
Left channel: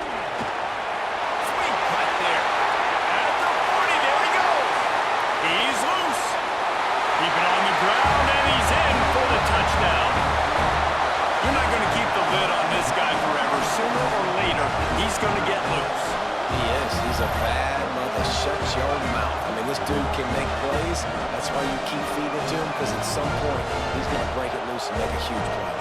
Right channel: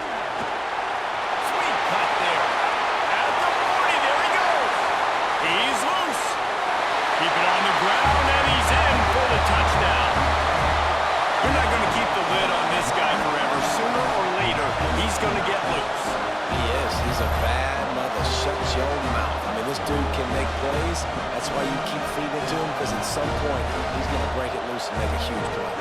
Sweet cut there. At the 40, there he goes. He's loose. Keep it on the ground, and he's in for the touchdown. You're not going to keep the lid on this guy forever. Sooner or later, he's going to get loose. He is. He's a bad mother. Shut your mouth. I mean, this dude can make plays. That's why you keep feeding it to him, because at some point, he's going to break it loose and make a huge play.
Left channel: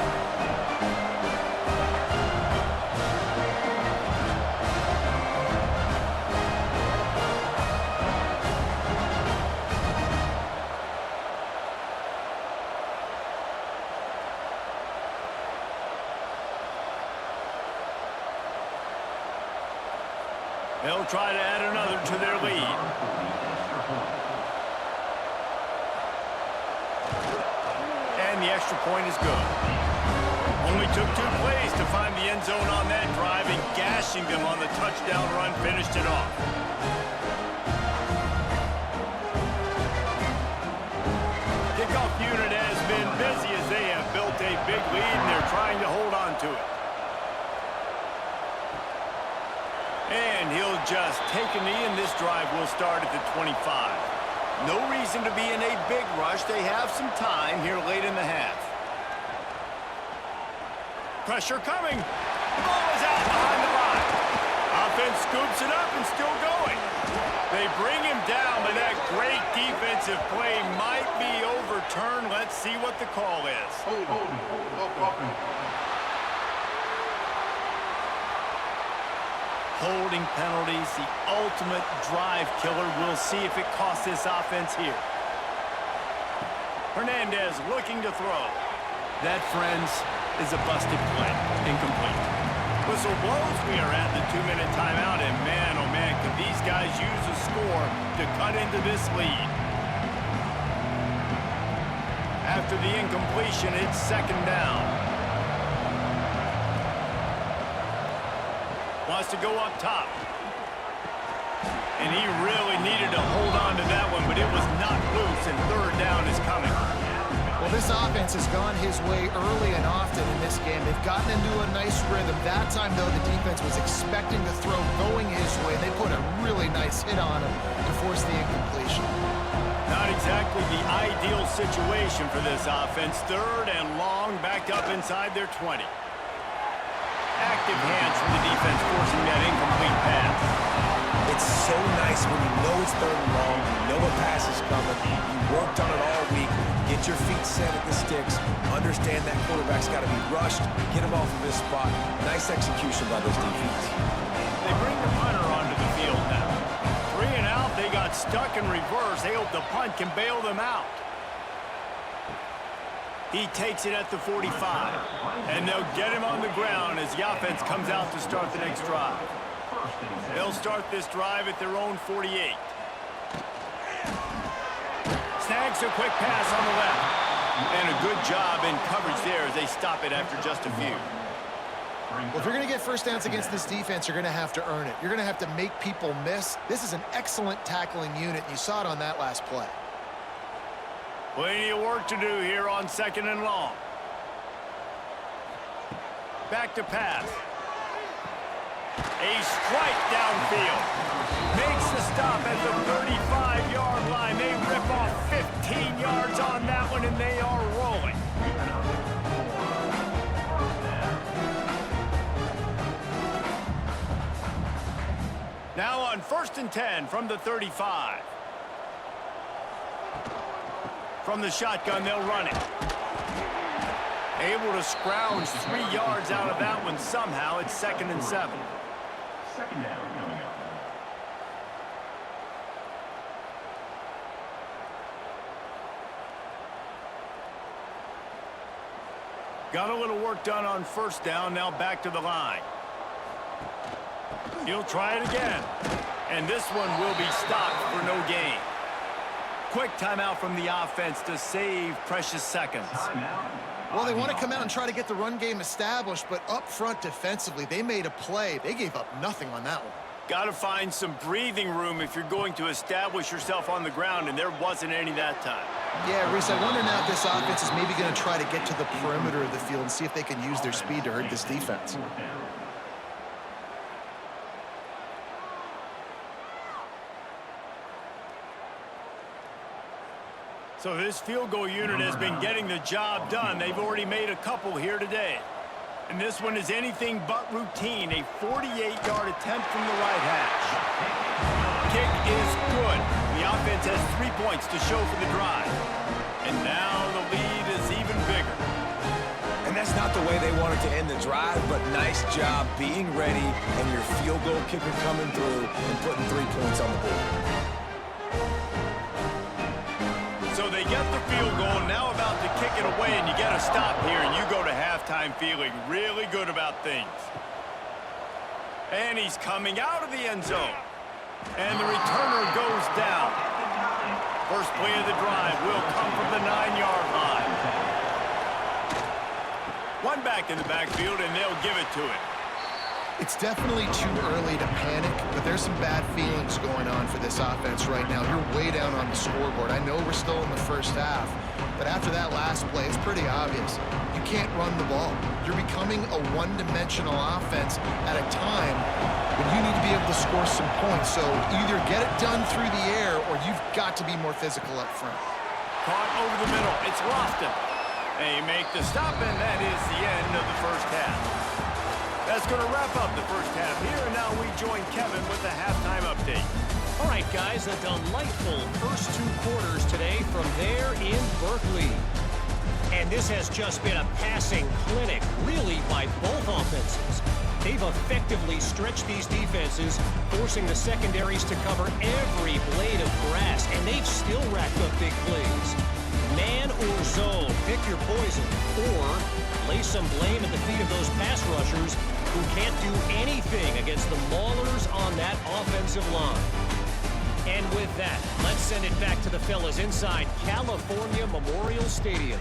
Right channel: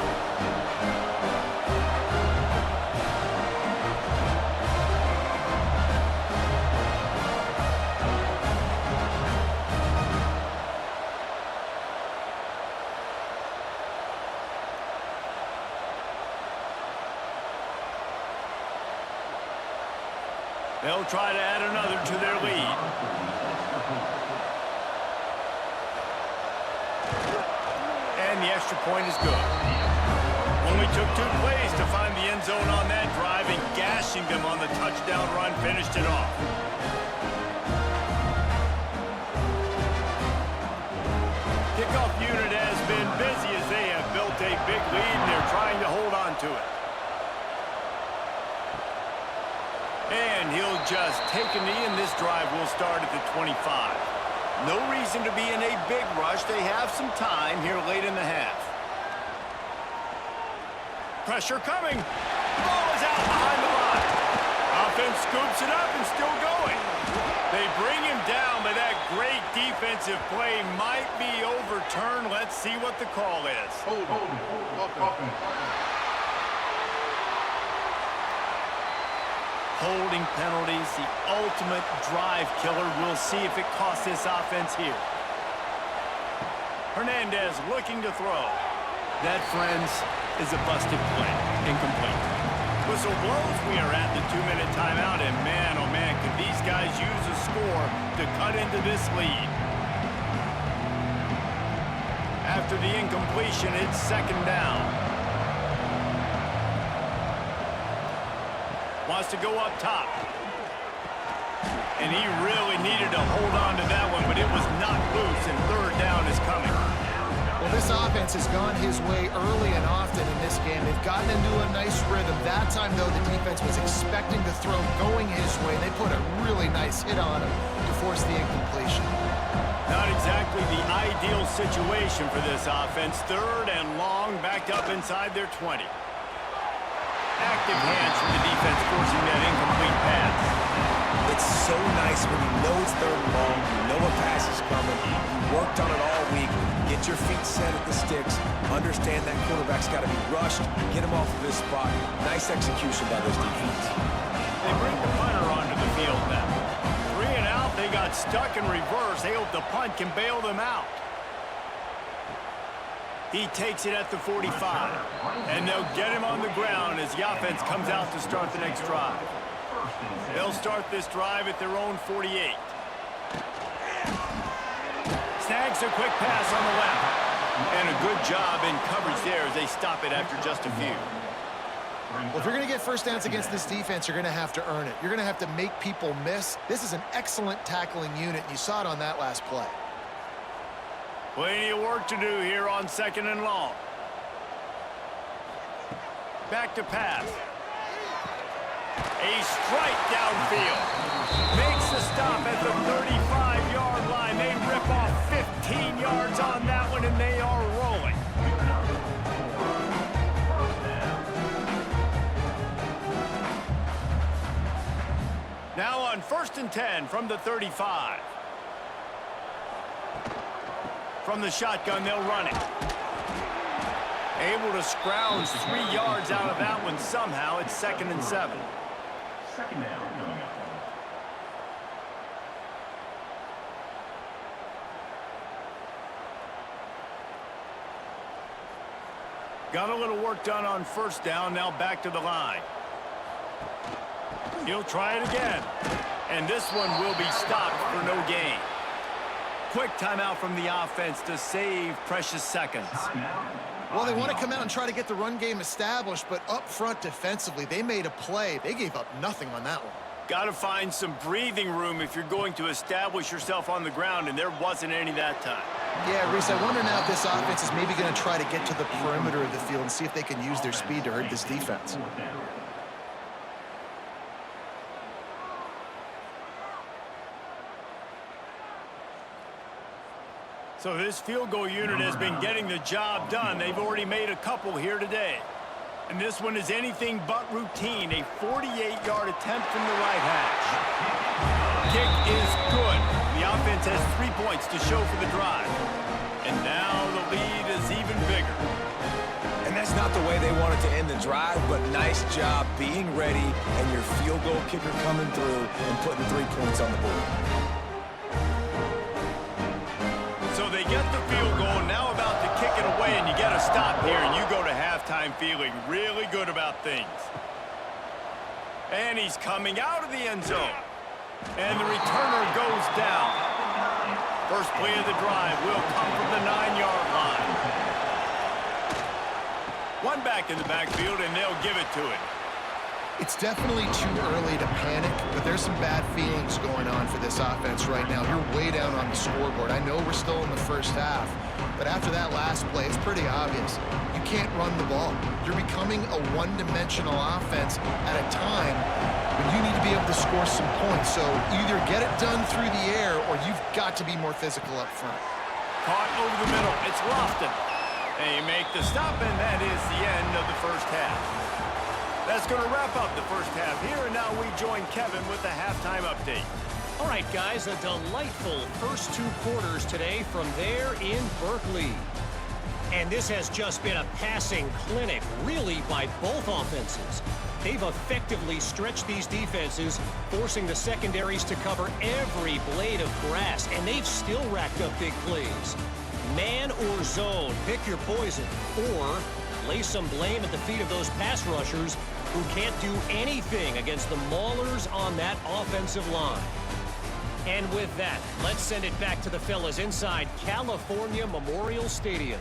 They'll try to add another to their lead. And the extra point is good. Only took 2 plays to find the end zone on that drive, and gashing them on the touchdown run finished it off. Kickoff unit has been busy as they have built a big lead, and they're trying to hold on to it. And he'll just take a knee, and this drive will start at the 25. No reason to be in a big rush. They have some time here late in the half. Pressure coming. The ball is out behind the line. Offense scoops it up and still going. They bring him down, but that great defensive play might be overturned. Let's see what the call is. Hold offense. Holding penalties, the ultimate drive killer. We'll see if it costs this offense here. Hernandez looking to throw. That, friends, is a busted play. Incomplete. Whistle blows. We are at the 2-minute timeout, and man, oh man, could these guys use a score to cut into this lead. After the incompletion, it's 2nd down. Wants to go up top. And he really needed to hold on to that one, but it was not loose, and 3rd down is coming. Well, this offense has gone his way early and often in this game. They've gotten into a nice rhythm. That time, though, the defense was expecting the throw going his way. They put a really nice hit on him to force the incompletion. Not exactly the ideal situation for this offense. 3rd and long, backed up inside their 20. Active hands from the defense forcing that incomplete pass. It's so nice when you know it's 3rd and long, you know a pass is coming, you worked on it all week, get your feet set at the sticks, understand that quarterback's got to be rushed, get him off of his spot. Nice execution by this defense. They bring the punter onto the field now. 3 and out, they got stuck in reverse. They hope the punt can bail them out. He takes it at the 45. And they'll get him on the ground as the offense comes out to start the next drive. They'll start this drive at their own 48. Snags a quick pass on the left. And a good job in coverage there as they stop it after just a few. Well, if you're going to get first downs against this defense, you're going to have to earn it. You're going to have to make people miss. This is an excellent tackling unit. You saw it on that last play. Plenty of work to do here on 2nd and long. Back to pass. A strike downfield. Makes the stop at the 35-yard line. They rip off 15 yards on that one, and they are rolling. Now on 1st and 10 from the 35. From the shotgun, they'll run it. Able to scrounge 3 yards out of that one somehow. It's 2nd and 7. Second down coming up. Got a little work done on 1st down. Now back to the line. He'll try it again. And this one will be stopped for no gain. Quick timeout from the offense to save precious seconds. Well, they want to come out and try to get the run game established, but up front defensively, they made a play. They gave up nothing on that one. Got to find some breathing room if you're going to establish yourself on the ground, and there wasn't any that time. Yeah, Reese, I wonder now if this offense is maybe going to try to get to the perimeter of the field and see if they can use their speed to hurt this defense. So this field goal unit has been getting the job done. They've already made a couple here today. And this one is anything but routine. A 48-yard attempt from the right hash. Kick is good. The offense has 3 points to show for the drive. And now the lead is even bigger. And that's not the way they wanted to end the drive, but nice job being ready and your field goal kicker coming through and putting 3 points on the board. So they get the field goal, now about to kick it away, and you get a stop here, and you go to halftime feeling really good about things. And he's coming out of the end zone. And the returner goes down. First play of the drive will come from the 9-yard line. One back in the backfield, and they'll give it to it. It's definitely too early to panic, but there's some bad feelings going on for this offense right now. You're way down on the scoreboard. I know we're still in the first half, but after that last play, it's pretty obvious. You can't run the ball. You're becoming a one-dimensional offense at a time when you need to be able to score some points. So either get it done through the air or you've got to be more physical up front. Caught over the middle. It's Lofton. They make the stop, and that is the end of the first half. That's going to wrap up the first half here, and now we join Kevin with the halftime update. All right, guys, a delightful first 2 quarters today from there in Berkeley. And this has just been a passing clinic, really, by both offenses. They've effectively stretched these defenses, forcing the secondaries to cover every blade of grass, and they've still racked up big plays. Man or zone, pick your poison, or lay some blame at the feet of those pass rushers who can't do anything against the Maulers on that offensive line. And with that, let's send it back to the fellas inside California Memorial Stadium.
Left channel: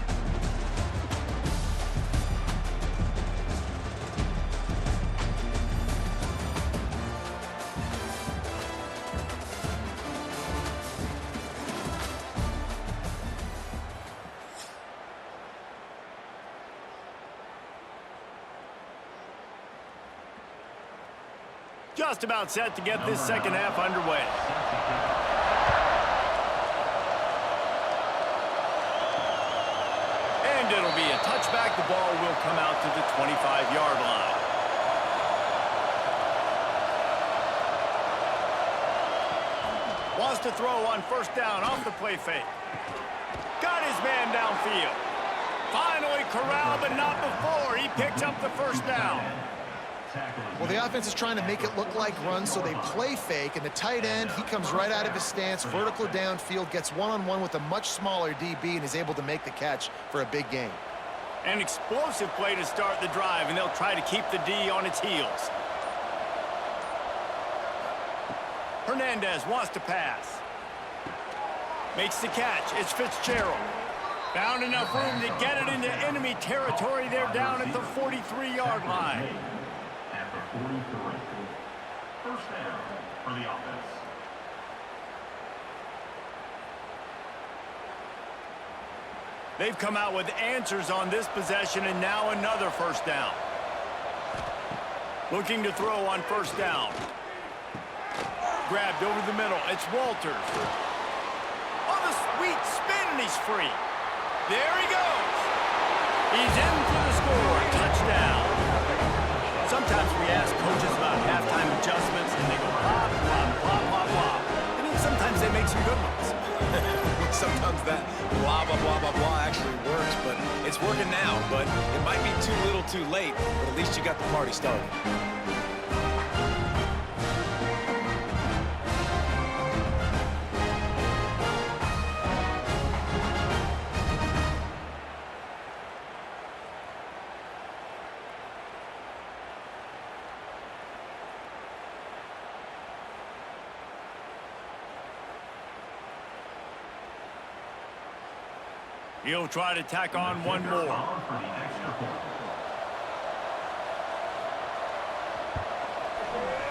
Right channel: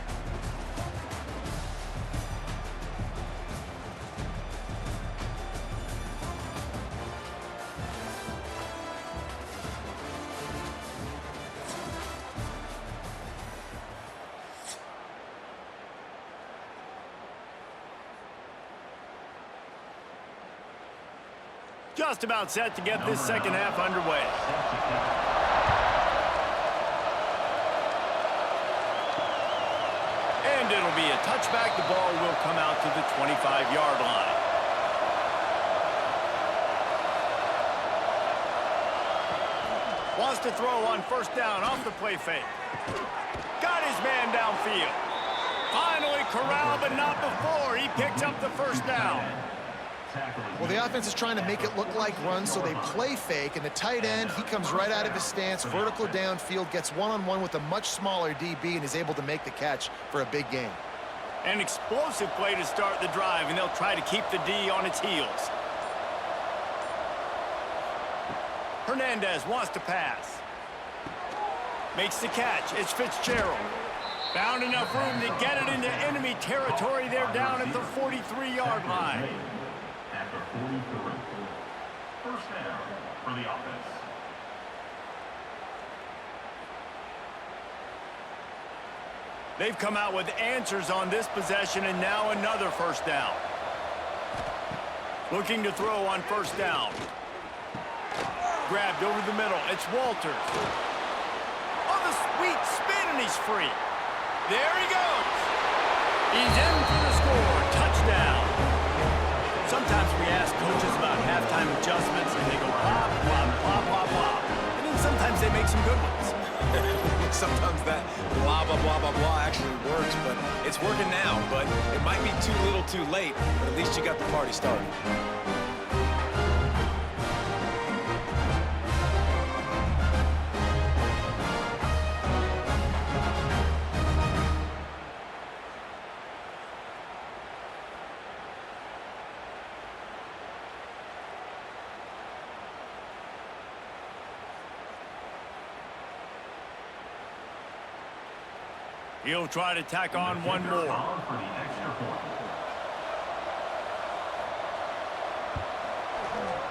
Just about set to get this second half underway. And it'll be a touchback. The ball will come out to the 25-yard line. Wants to throw on first down off the play fake. Got his man downfield. Finally corralled, but not before. He picks up the first down. Well, the offense is trying to make it look like runs, so they play fake, and the tight end, he comes right out of his stance, vertical downfield, gets one-on-one with a much smaller DB, and is able to make the catch for a big gain. An explosive play to start the drive, and they'll try to keep the D on its heels. Hernandez wants to pass. Makes the catch. It's Fitzgerald. Found enough room to get it into enemy territory. They're down at the 43-yard line. After 43. First down for the offense. They've come out with answers on this possession, and now another first down. Looking to throw on first down. Grabbed over the middle. It's Walters. On the sweet spin, and he's free. There he goes. He's in for the score. Touchdown. Sometimes we ask coaches about halftime adjustments, and they go blah, blah, blah, blah, blah. And then sometimes they make some good ones. Sometimes that blah, blah, blah, blah, blah actually works, but it's working now. But it might be too little too late, but at least you got the party started. He'll try to tack on one more. For the extra point.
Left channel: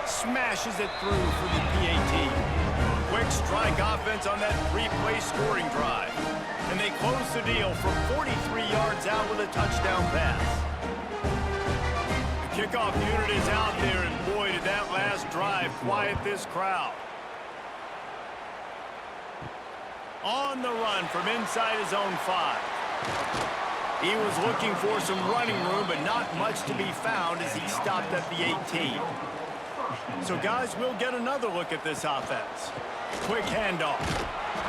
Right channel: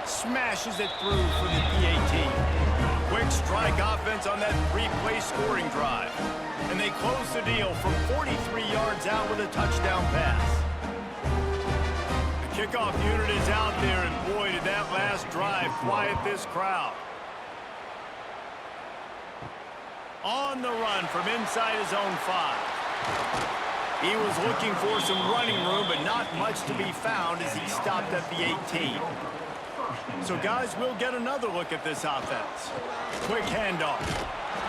Smashes it through for the PAT. Quick strike offense on that three-play scoring drive. And they close the deal from 43 yards out with a touchdown pass. The kickoff unit is out there, and boy, did that last drive quiet this crowd. On the run from inside his own 5. He was looking for some running room, but not much to be found as he stopped at the 18. So, guys, we'll get another look at this offense. Quick handoff.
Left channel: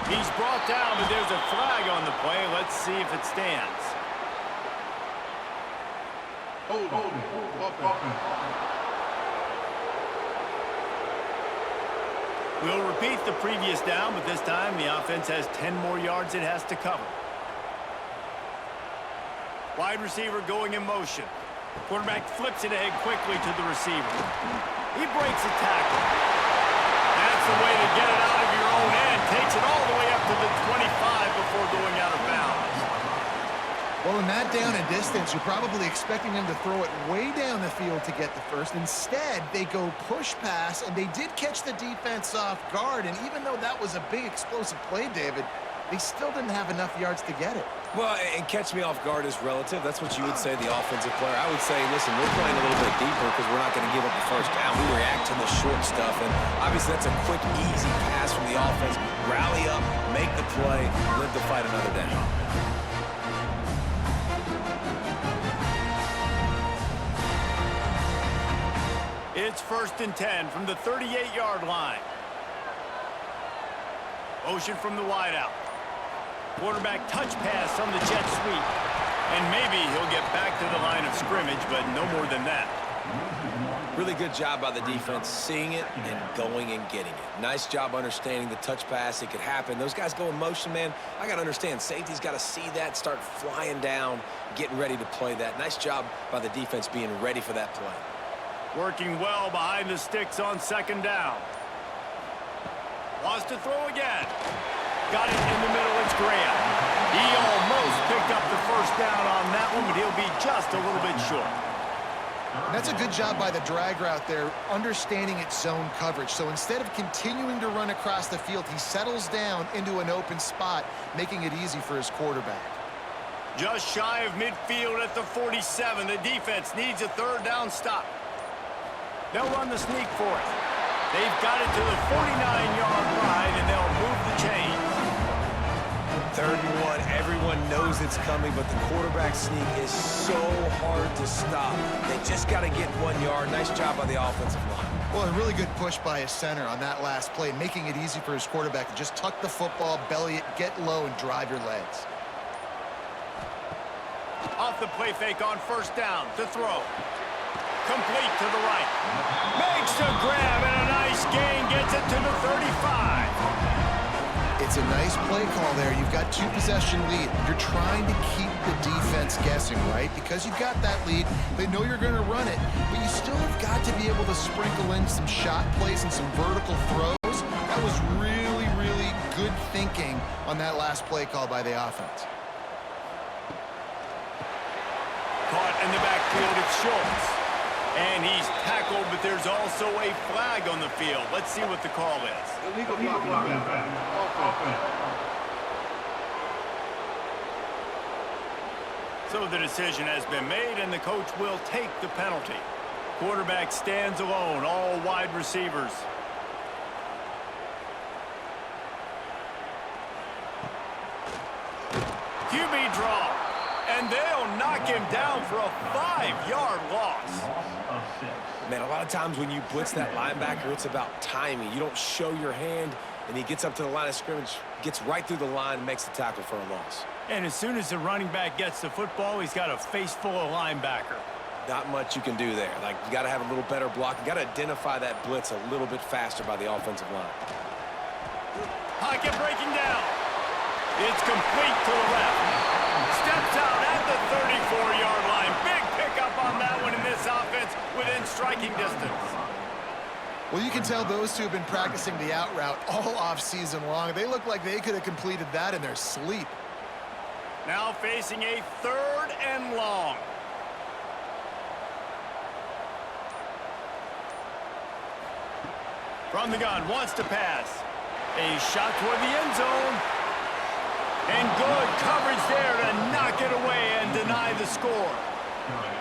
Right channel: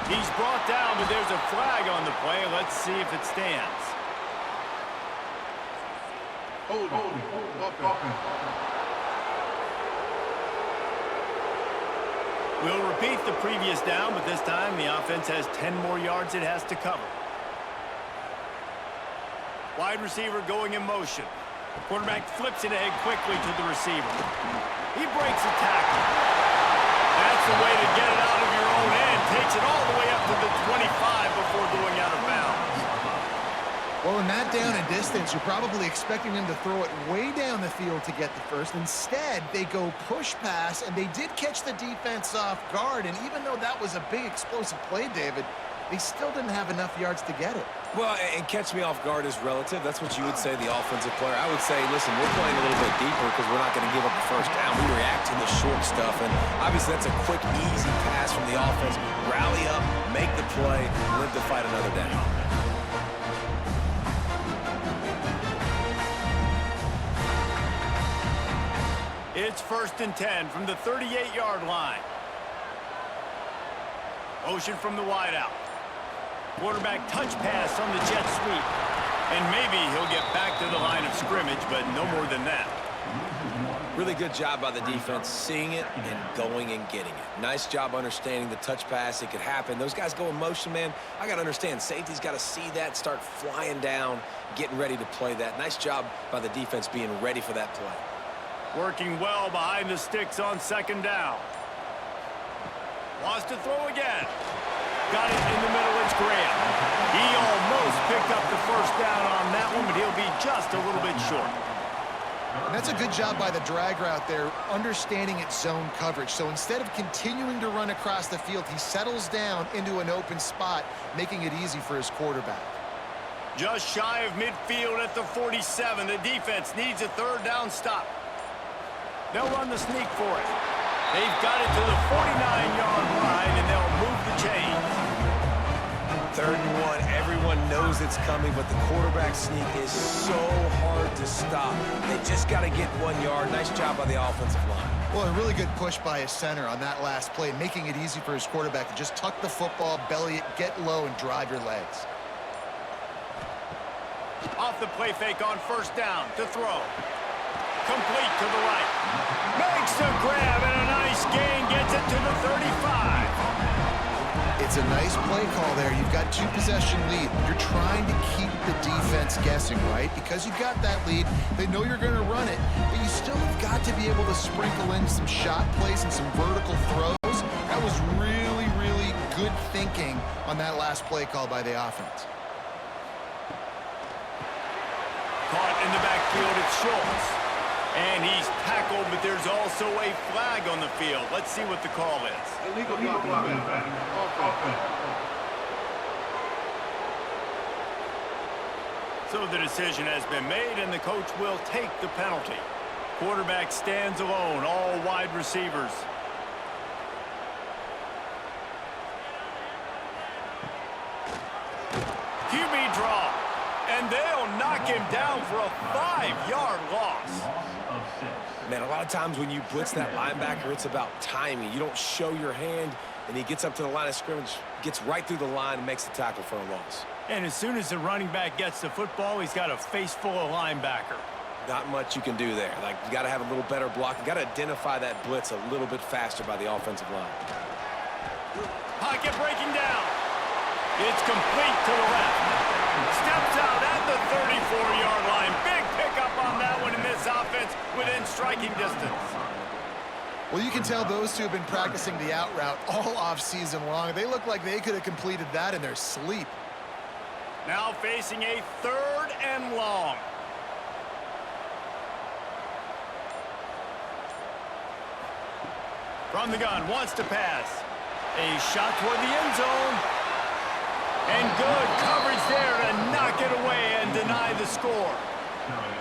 He's brought down, but there's a flag on the play. Let's see if it stands. Hold it. We'll repeat the previous down, but this time the offense has 10 more yards it has to cover. Wide receiver going in motion. Quarterback flips it ahead quickly to the receiver. He breaks a tackle. That's the way to get it out of your own end. Takes it all the way up to the 25 before going out of bounds. Well, in that down and distance, you're probably expecting them to throw it way down the field to get the first. Instead, they go push pass, and they did catch the defense off guard. And even though that was a big explosive play, David, they still didn't have enough yards to get it. Well, and catch me off guard is relative. That's what you would say, the offensive player. I would say, listen, we're playing a little bit deeper because we're not going to give up the first down. We react to the short stuff, and obviously that's a quick, easy pass from the offense. Rally up, make the play, live to fight another down. It's 1st and 10 from the 38-yard line. Motion from the wideout. Quarterback touch pass on the jet sweep. And maybe he'll get back to the line of scrimmage, but no more than that. Really good job by the defense, seeing it and going and getting it. Nice job understanding the touch pass. It could happen. Those guys go in motion, man. I got to understand, safety's got to see that, start flying down, getting ready to play that. Nice job by the defense being ready for that play. Working well behind the sticks on 2nd down. Wants to throw again. Got it in the middle. It's Graham. He almost picked up the first down on that one, but he'll be just a little bit short. And that's a good job by the drag route there, understanding its zone coverage. So instead of continuing to run across the field, he settles down into an open spot, making it easy for his quarterback. Just shy of midfield at the 47. The defense needs a 3rd down stop. They'll run the sneak for it. They've got it to the 49-yard line, and they'll move the chains. 3rd and 1. Everyone knows it's coming, but the quarterback sneak is so hard to stop. They just got to get 1 yard. Nice job by the offensive line. Well, a really good push by his center on that last play, making it easy for his quarterback to just tuck the football, belly it, get low, and drive your legs. Off the play fake on 1st down to throw. Complete to the right. Makes the grab and a nice gain. Gets it to the 35. It's a nice play call there. You've got 2-possession lead. You're trying to keep the defense guessing, right? Because you've got that lead. They know you're going to run it, but you still have got to be able to sprinkle in some shot plays and some vertical throws. That was really, really good thinking on that last play call by the offense. Caught in the backfield, it's Schultz. And he's tackled, but there's also a flag on the field. Let's see what the call is. Illegal blocking. So the decision has been made, and the coach will take the penalty. Quarterback stands alone, all wide receivers. QB draw. And they'll knock him down for a 5-yard loss. Loss of 6. Man, a lot of times when you blitz that linebacker, it's about timing. You don't show your hand, and he gets up to the line of scrimmage, gets right through the line, and makes the tackle for a loss. And as soon as the running back gets the football, he's got a face full of linebacker. Not much you can do there. Like, you got to have a little better block. You got to identify that blitz a little bit faster by the offensive line. Pocket breaking down. It's complete to the left. Steps out at the 34-yard line. Big pickup on that one in this offense within striking distance. Well, you can tell those two have been practicing the out route all off season long. They look like they could have completed that in their sleep. Now facing a 3rd and long. From the gun, wants to pass. A shot toward the end zone. And good coverage there to knock it away and deny the score.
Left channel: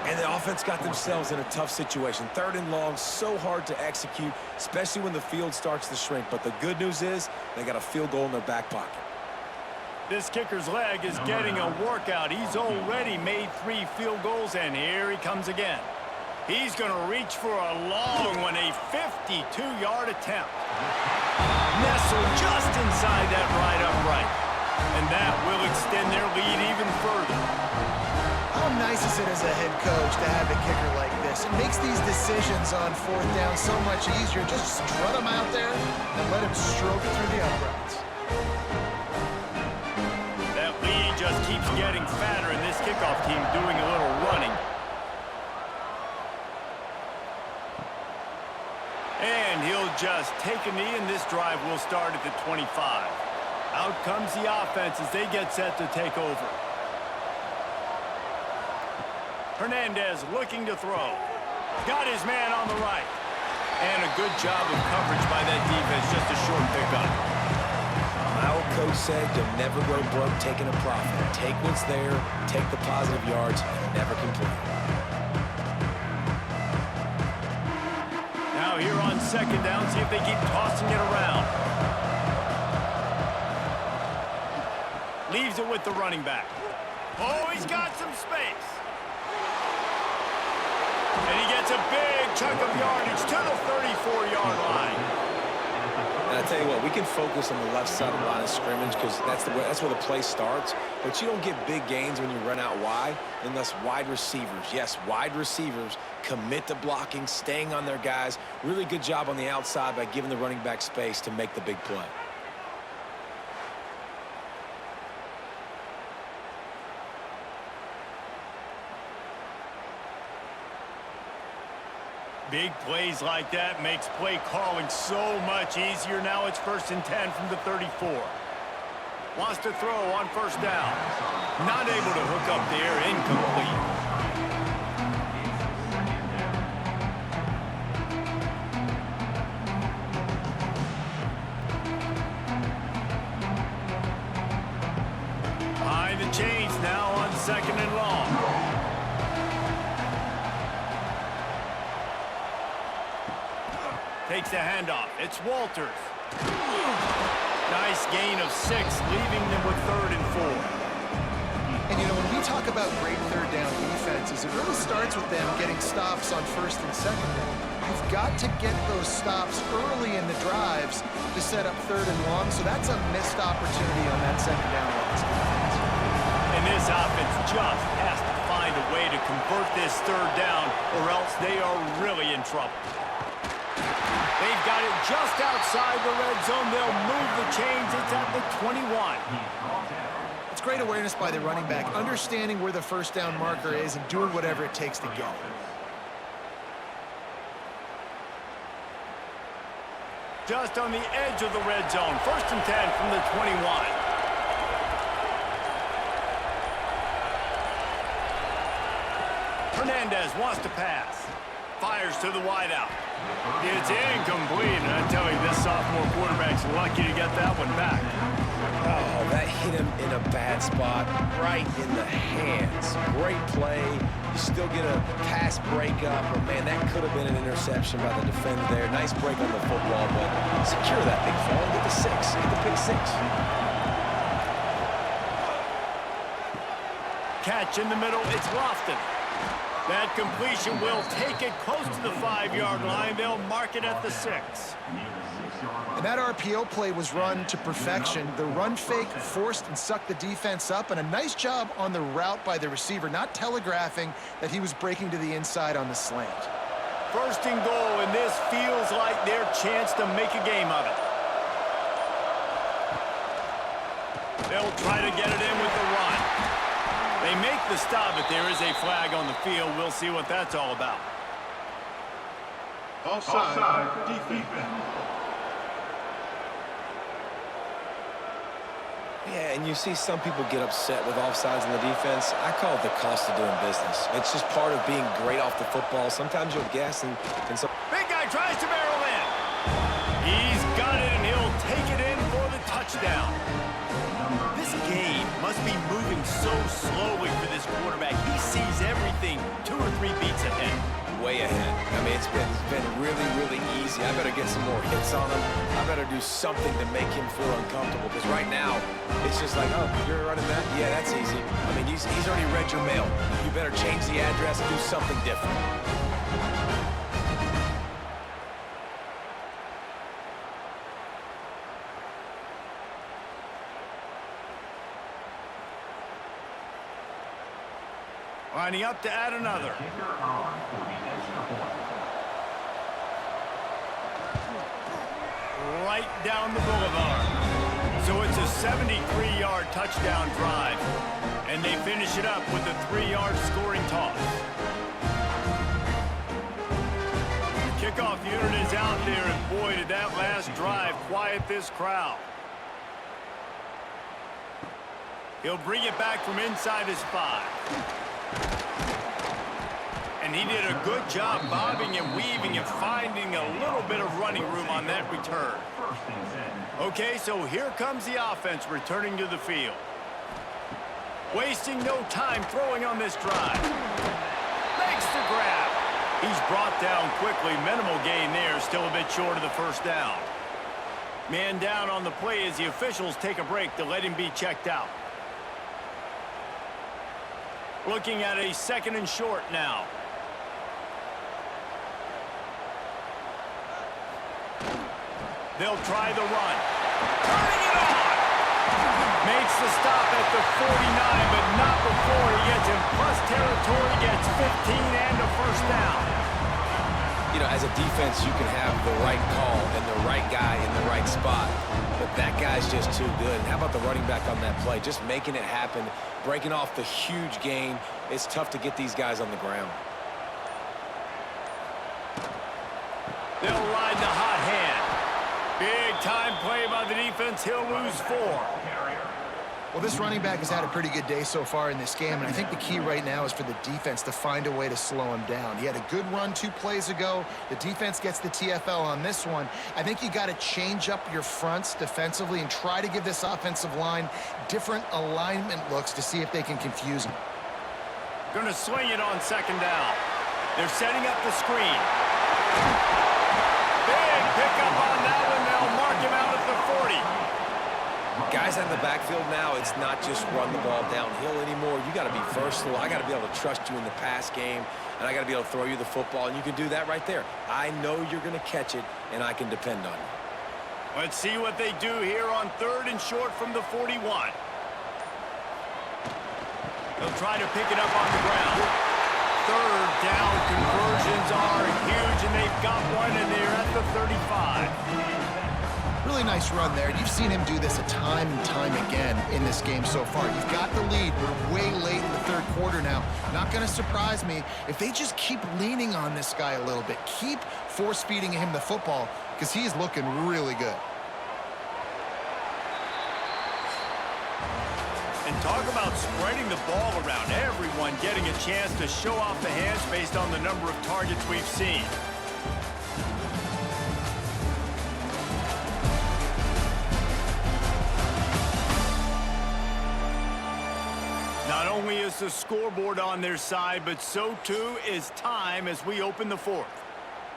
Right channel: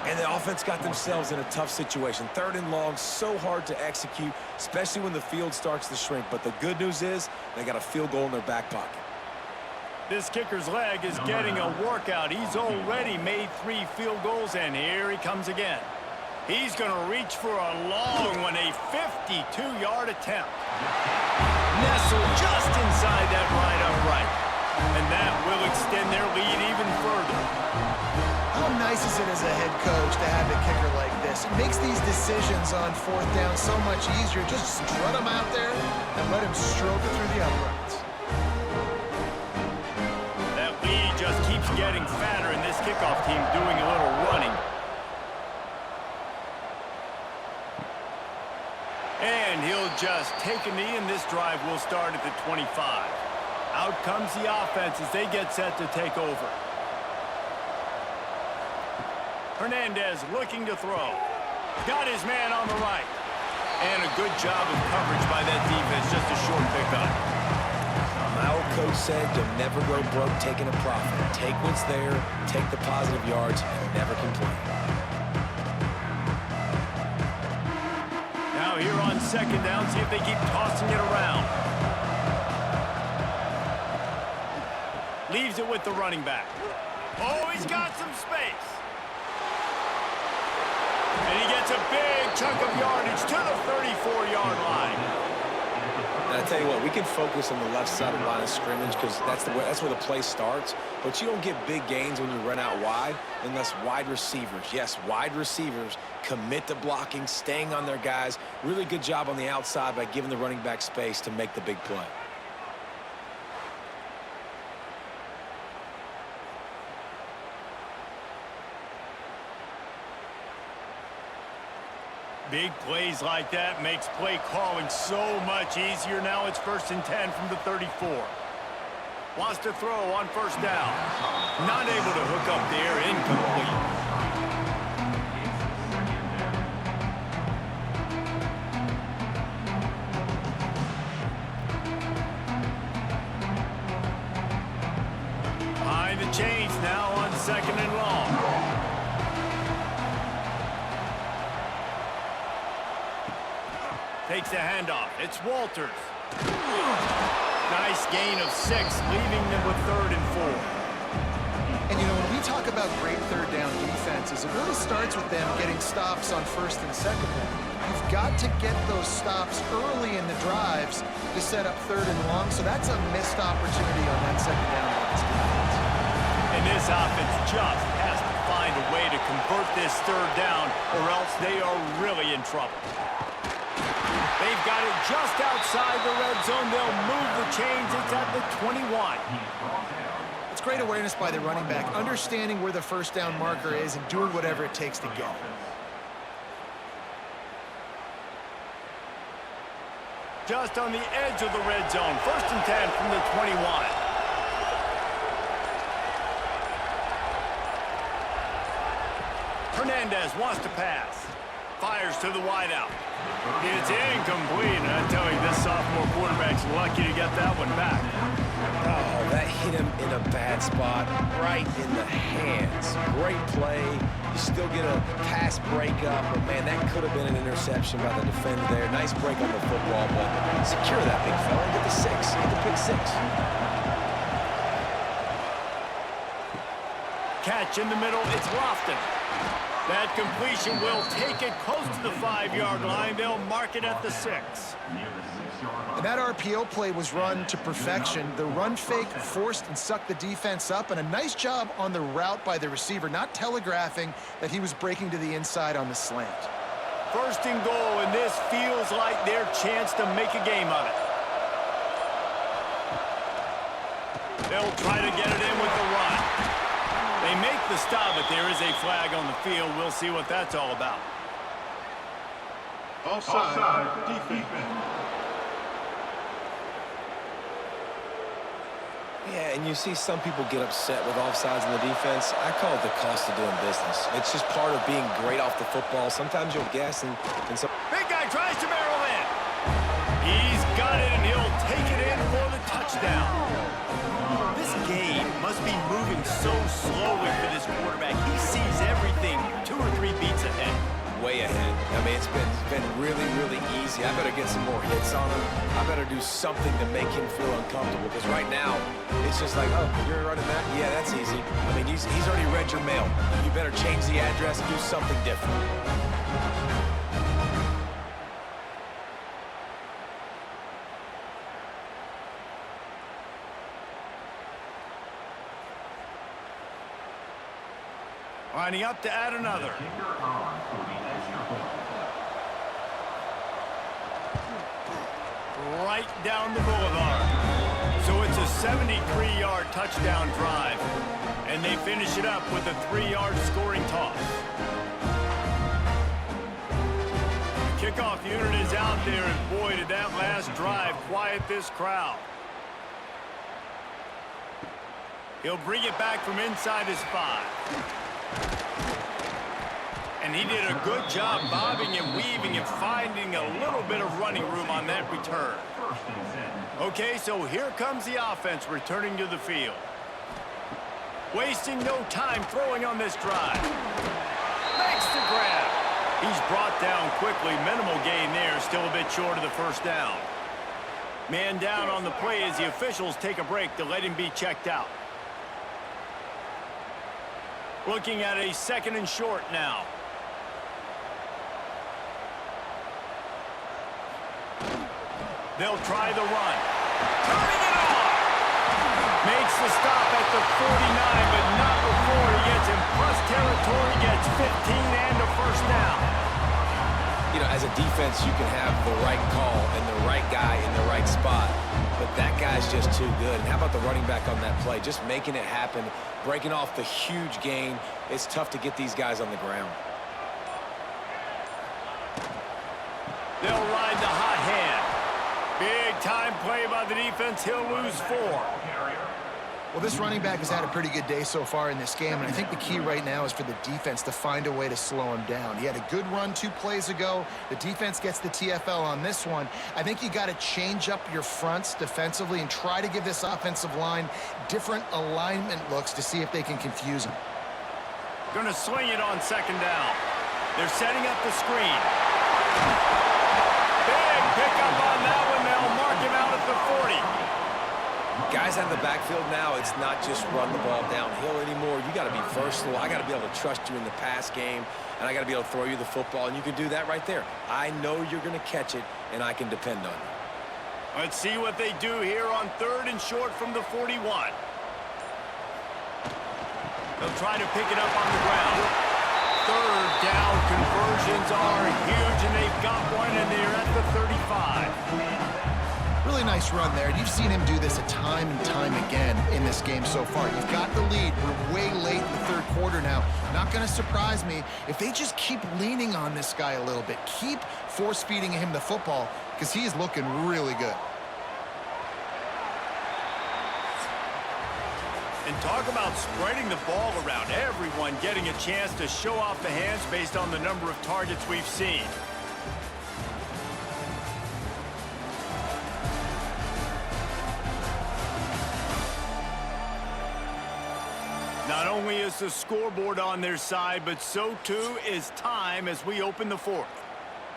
And the offense got themselves in a tough situation. 3rd and long, so hard to execute, especially when the field starts to shrink. But the good news is they got a field goal in their back pocket. This kicker's leg is getting a workout. He's already made 3 field goals, and here he comes again. He's going to reach for a long one, a 52-yard attempt. Nestled just inside that right upright. And that will extend their lead even further. How nice is it as a head coach to have a kicker like this? It makes these decisions on 4th down so much easier. Just strut him out there and let him stroke it through the uprights. That lead just keeps getting fatter, and this kickoff team doing a little running. And he'll just take a knee, and this drive will start at the 25. Out comes the offense as they get set to take over. Hernandez looking to throw. Got his man on the right. And a good job of coverage by that defense, just a short pickup. My old coach said you'll never go broke taking a profit. Take what's there, take the positive yards, and never complain. Now here on 2nd down, see if they keep tossing it around. Leaves it with the running back. Oh, he's got some space. And he gets a big chunk of yardage to the 34-yard line. And I tell you what, we can focus on the left side of the line of scrimmage because that's where the play starts. But you don't get big gains when you run out wide unless wide receivers, yes, wide receivers, commit to blocking, staying on their guys. Really good job on the outside by giving the running back space to make the big play. Big plays like that makes play calling so much easier. Now it's 1st and 10 from the 34. Wants to throw on 1st down. Not able to hook up there, incomplete. Behind the chains now on 2nd and long. Takes the handoff. It's Walters. Nice gain of 6, leaving them with 3rd and 4. And, you know, when we talk about great 3rd down defenses, it really starts with them getting stops on 1st and 2nd down. You've got to get those stops early in the drives to set up 3rd and long, so that's a missed opportunity on that 2nd down by this defense. And this offense just has to find a way to convert this 3rd down, or else they are really in trouble. They've got it just outside the red zone. They'll move the chains. It's at the 21. It's great awareness by the running back, understanding where the 1st down marker is and doing whatever it takes to get it. Just on the edge of the red zone. 1st and 10 from the 21. Hernandez wants to pass. fires to the wideout. It's incomplete, and I tell you, this sophomore quarterback's lucky to get that one back. Oh, that hit him in a bad spot, right in the hands. Great play. You still get a pass breakup, but man, that could have been an interception by the defender there. Nice break on the football, but secure that big fella and get the six. Get the pick six. Catch in the middle, it's Lofton. That completion will take it close to the 5-yard line. They'll mark it at the 6. And that RPO play was run to perfection. The run fake forced and sucked the defense up, and a nice job on the route by the receiver, not telegraphing that he was breaking to the inside on the slant. First and goal, and this feels like their chance to make a game of it. They'll try to get it in with the run. They make the stop, but there is a flag on the field. We'll see what that's all about. Offside. Defense. Yeah, and you see some people get upset with offsides in the defense. I call it the cost of doing business. It's just part of being great off the football. Sometimes you'll guess, and some... Big guy tries to barrel in. He's got it, and he'll take it in for the touchdown. This game must be moving so slowly for this quarterback. He sees everything 2 or 3 beats ahead. Way ahead. I mean, it's been really, really easy. I better get some more hits on him. I better do something to make him feel uncomfortable, because right now, it's just like, oh, you're running that? Yeah, that's easy. I mean, he's already read your mail. You better change the address and do something different. Lining up to add another. Kicker on for the extra point. Right down the boulevard. So it's a 73-yard touchdown drive, and they finish it up with a 3-yard scoring toss. The kickoff unit is out there, and boy, did that last drive quiet this crowd. He'll bring it back from inside his 5. And he did a good job bobbing and weaving and finding a little bit of running room on that return. Okay, so here comes the offense returning to the field. Wasting no time throwing on this drive. Makes the grab. He's brought down quickly. Minimal gain there, still a bit short of the first down. Man down on the play as the officials take a break to let him be checked out. Looking at a 2nd and short now. They'll try the run. Turning it on! Makes the stop at the 49, but not before he gets in plus territory, gets 15 and a first down. You know, as a defense, you can have the right call and the right guy in the right spot, but that guy's just too good. And how about the running back on that play? Just making it happen, breaking off the huge gain. It's tough to get these guys on the ground. They'll ride the hot hand. Big time play by the defense. He'll lose 4. Well, this running back has had a pretty good day so far in this game, and I think the key right now is for the defense to find a way to slow him down. He had a good run 2 plays ago. The defense gets the TFL on this one. I think you got to change up your fronts defensively and try to give this offensive line different alignment looks to see if they can confuse him. Going to swing it on 2nd down. They're setting up the screen. Big pickup on that one. They'll mark him out at the 40. Guys out of the backfield now, it's not just run the ball downhill anymore. You got to be versatile. I got to be able to trust you in the pass game, and I got to be able to throw you the football, and you can do that right there. I know you're going to catch it, and I can depend on you. Let's see what they do here on 3rd and short from the 41. They'll try to pick it up on the ground. 3rd down conversions are huge, and they've got one, and they're at the 35. Really nice run there. You've seen him do this a time and time again in this game so far. You've got the lead. We're way late in the 3rd quarter now. Not going to surprise me if they just keep leaning on this guy a little bit. Keep force-feeding him the football because he's looking really good. And talk about spreading the ball around. Everyone getting a chance to show off the hands based on the number of targets we've seen. Not only is the scoreboard on their side, but so too is time as we open the fourth.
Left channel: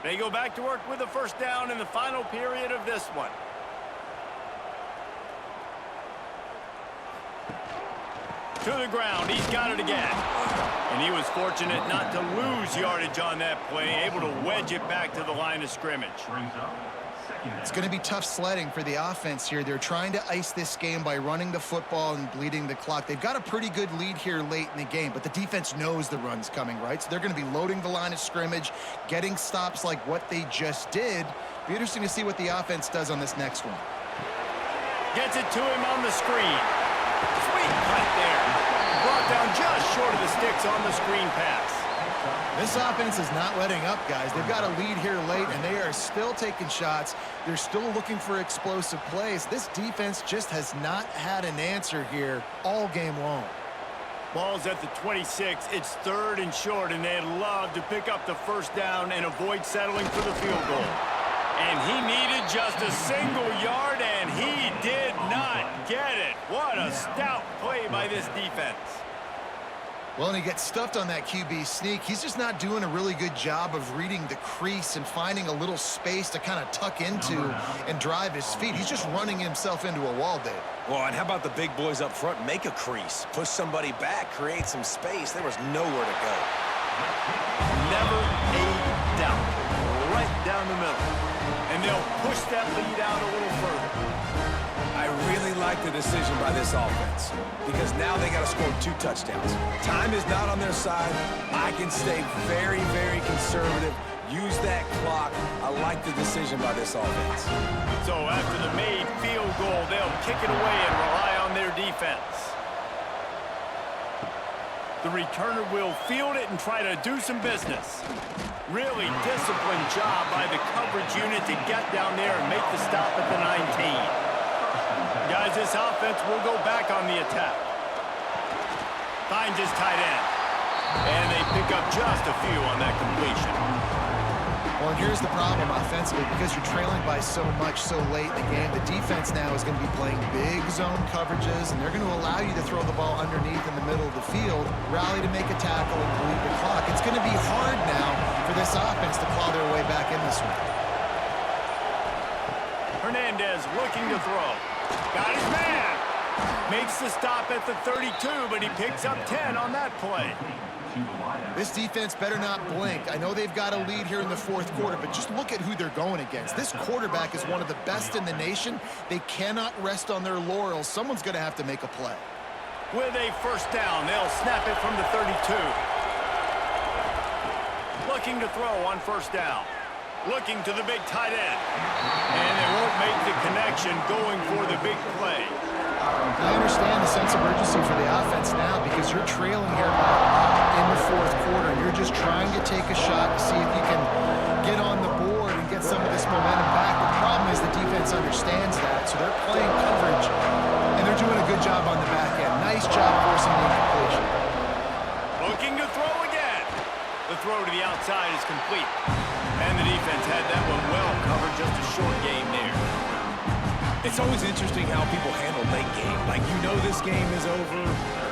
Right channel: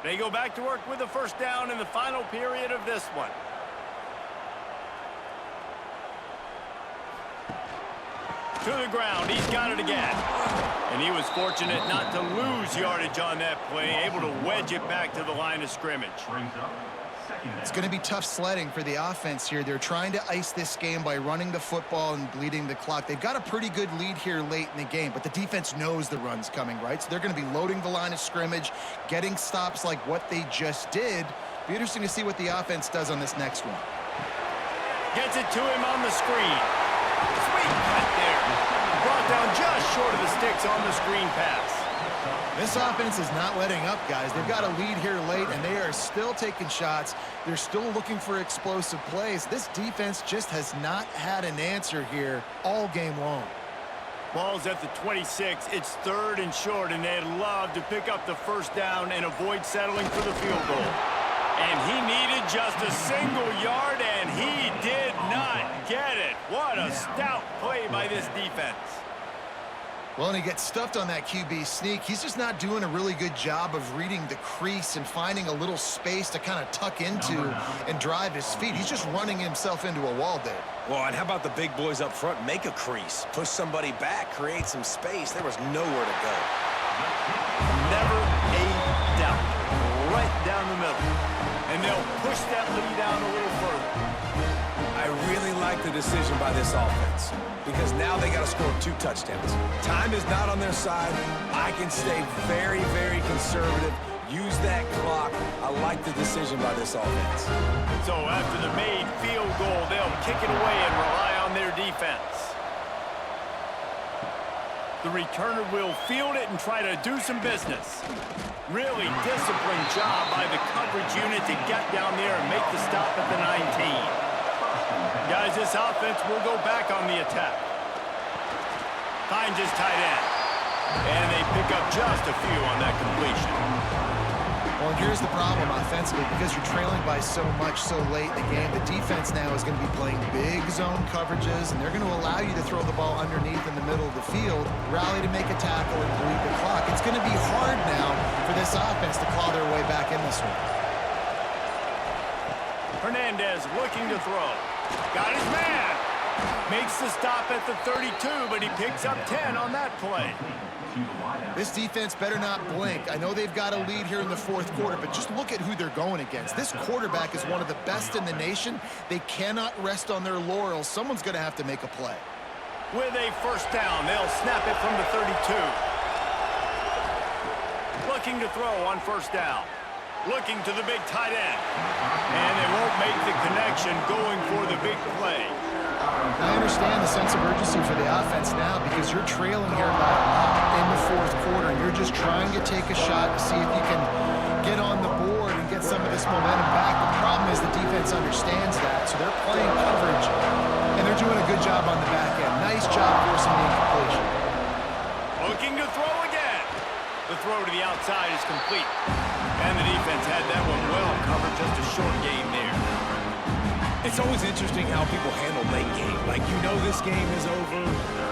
They go back to work with a first down in the final period of this one. To the ground, he's got it again. And he was fortunate not to lose yardage on that play, able to wedge it back to the line of scrimmage. It's going to be tough sledding for the offense here. They're trying to ice this game by running the football and bleeding the clock. They've got a pretty good lead here late in the game, but the defense knows the run's coming, right? So they're going to be loading the line of scrimmage, getting stops like what they just did. Be interesting to see what the offense does on this next one. Gets it to him on the screen. Sweet cut there. Brought down just short of the sticks on the screen pass. This offense is not letting up, guys. They've got a lead here late, and they are still taking shots. They're still looking for explosive plays. This defense just has not had an answer here all game long. Ball's at the 26. It's 3rd and short, and they'd love to pick up the first down and avoid settling for the field goal. And he needed just a single yard, and he did not get it. What a stout play by this defense. Well, and he gets stuffed on that QB sneak. He's just not doing a really good job of reading the crease and finding a little space to kind of tuck into and drive his feet. He's just running himself into a wall, Dave. Well, and how about the big boys up front? Make a crease, push somebody back, create some space. There was nowhere to go. Never a doubt. Right down the middle. And they'll push that lead out a little further. I really like the decision by this offense because now they got to score 2 touchdowns. Time is not on their side. I can stay very, very conservative. Use that clock. I like the decision by this offense. So after the made field goal, they'll kick it away and rely on their defense. The returner will field it and try to do some business. Really disciplined job by the coverage unit to get down there and make the stop at the 19. Guys, this offense will go back on the attack. Finds his tight end. And they pick up just a few on that completion. Well, and here's the problem offensively. Because you're trailing by so much so late in the game, the defense now is going to be playing big zone coverages, and they're going to allow you to throw the ball underneath in the middle of the field, rally to make a tackle, and bleed the clock. It's going to be hard now for this offense to claw their way back in this one. Hernandez looking to throw. Got his man. Makes the stop at the 32, but he picks up 10 on that play. This defense better not blink. I know they've got a lead here in the 4th quarter, but just look at who they're going against. This quarterback is one of the best in the nation. They cannot rest on their laurels. Someone's going to have to make a play. With a first down, they'll snap it from the 32. Looking to throw on first down. Looking to the big tight end. And they won't make the connection going for the big play. I understand the sense of urgency for the offense now because you're trailing here in the 4th quarter, and you're just trying to take a shot to see if you can get on the board and get some of this momentum back. The problem is the defense understands that, so they're playing coverage, and they're doing a good job on the back end. Nice job forcing the incompletion. Looking to throw again. The throw to the outside is complete. And the defense had that one well covered, just a short game there. It's always interesting how people handle late game. Like, you know this game is over.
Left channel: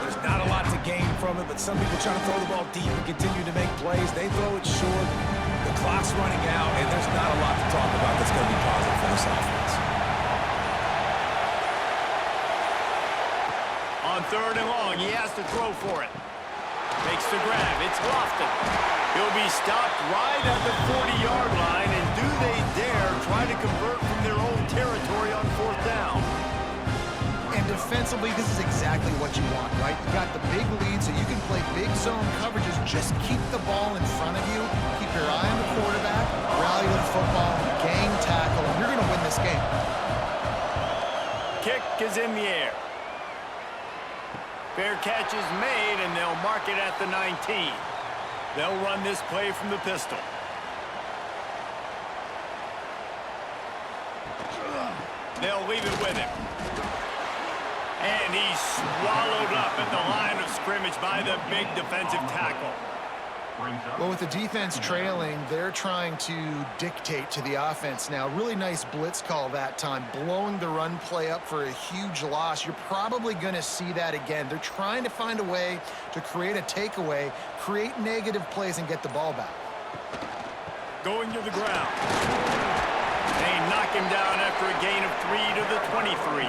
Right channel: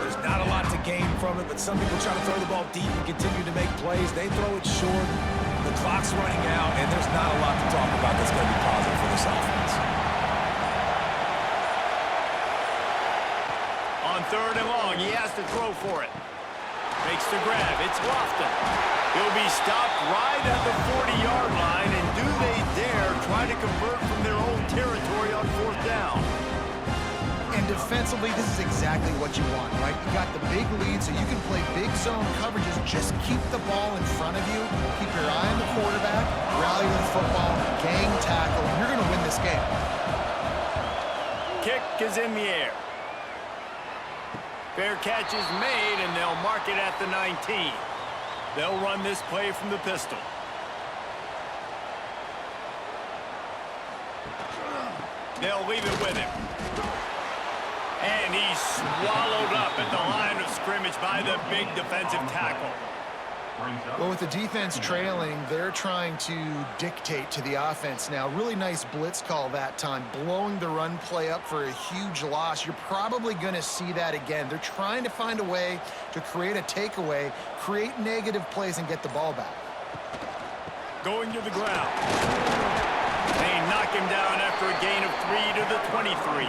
There's not a lot to gain from it, but some people try to throw the ball deep and continue to make plays. They throw it short. The clock's running out, and there's not a lot to talk about that's going to be positive for this offense. On 3rd and long, he has to throw for it. Makes the grab. It's Lofton. He'll be stopped right at the 40-yard line, and do they dare try to convert from their own territory on 4th down? And defensively, this is exactly what you want, right? You got the big lead, so you can play big zone coverages. Just keep the ball in front of you. Keep your eye on the quarterback. Rally to the football. Gang tackle, and you're going to win this game. Kick is in the air. Fair catch is made, and they'll mark it at the 19. They'll run this play from the pistol. They'll leave it with him. And he's swallowed up at the line of scrimmage by the big defensive tackle. Well, with the defense trailing, they're trying to dictate to the offense now. Really nice blitz call that time, blowing the run play up for a huge loss. You're probably going to see that again. They're trying to find a way to create a takeaway, create negative plays, and get the ball back. Going to the ground. They knock him down after a gain of 3 to the 23.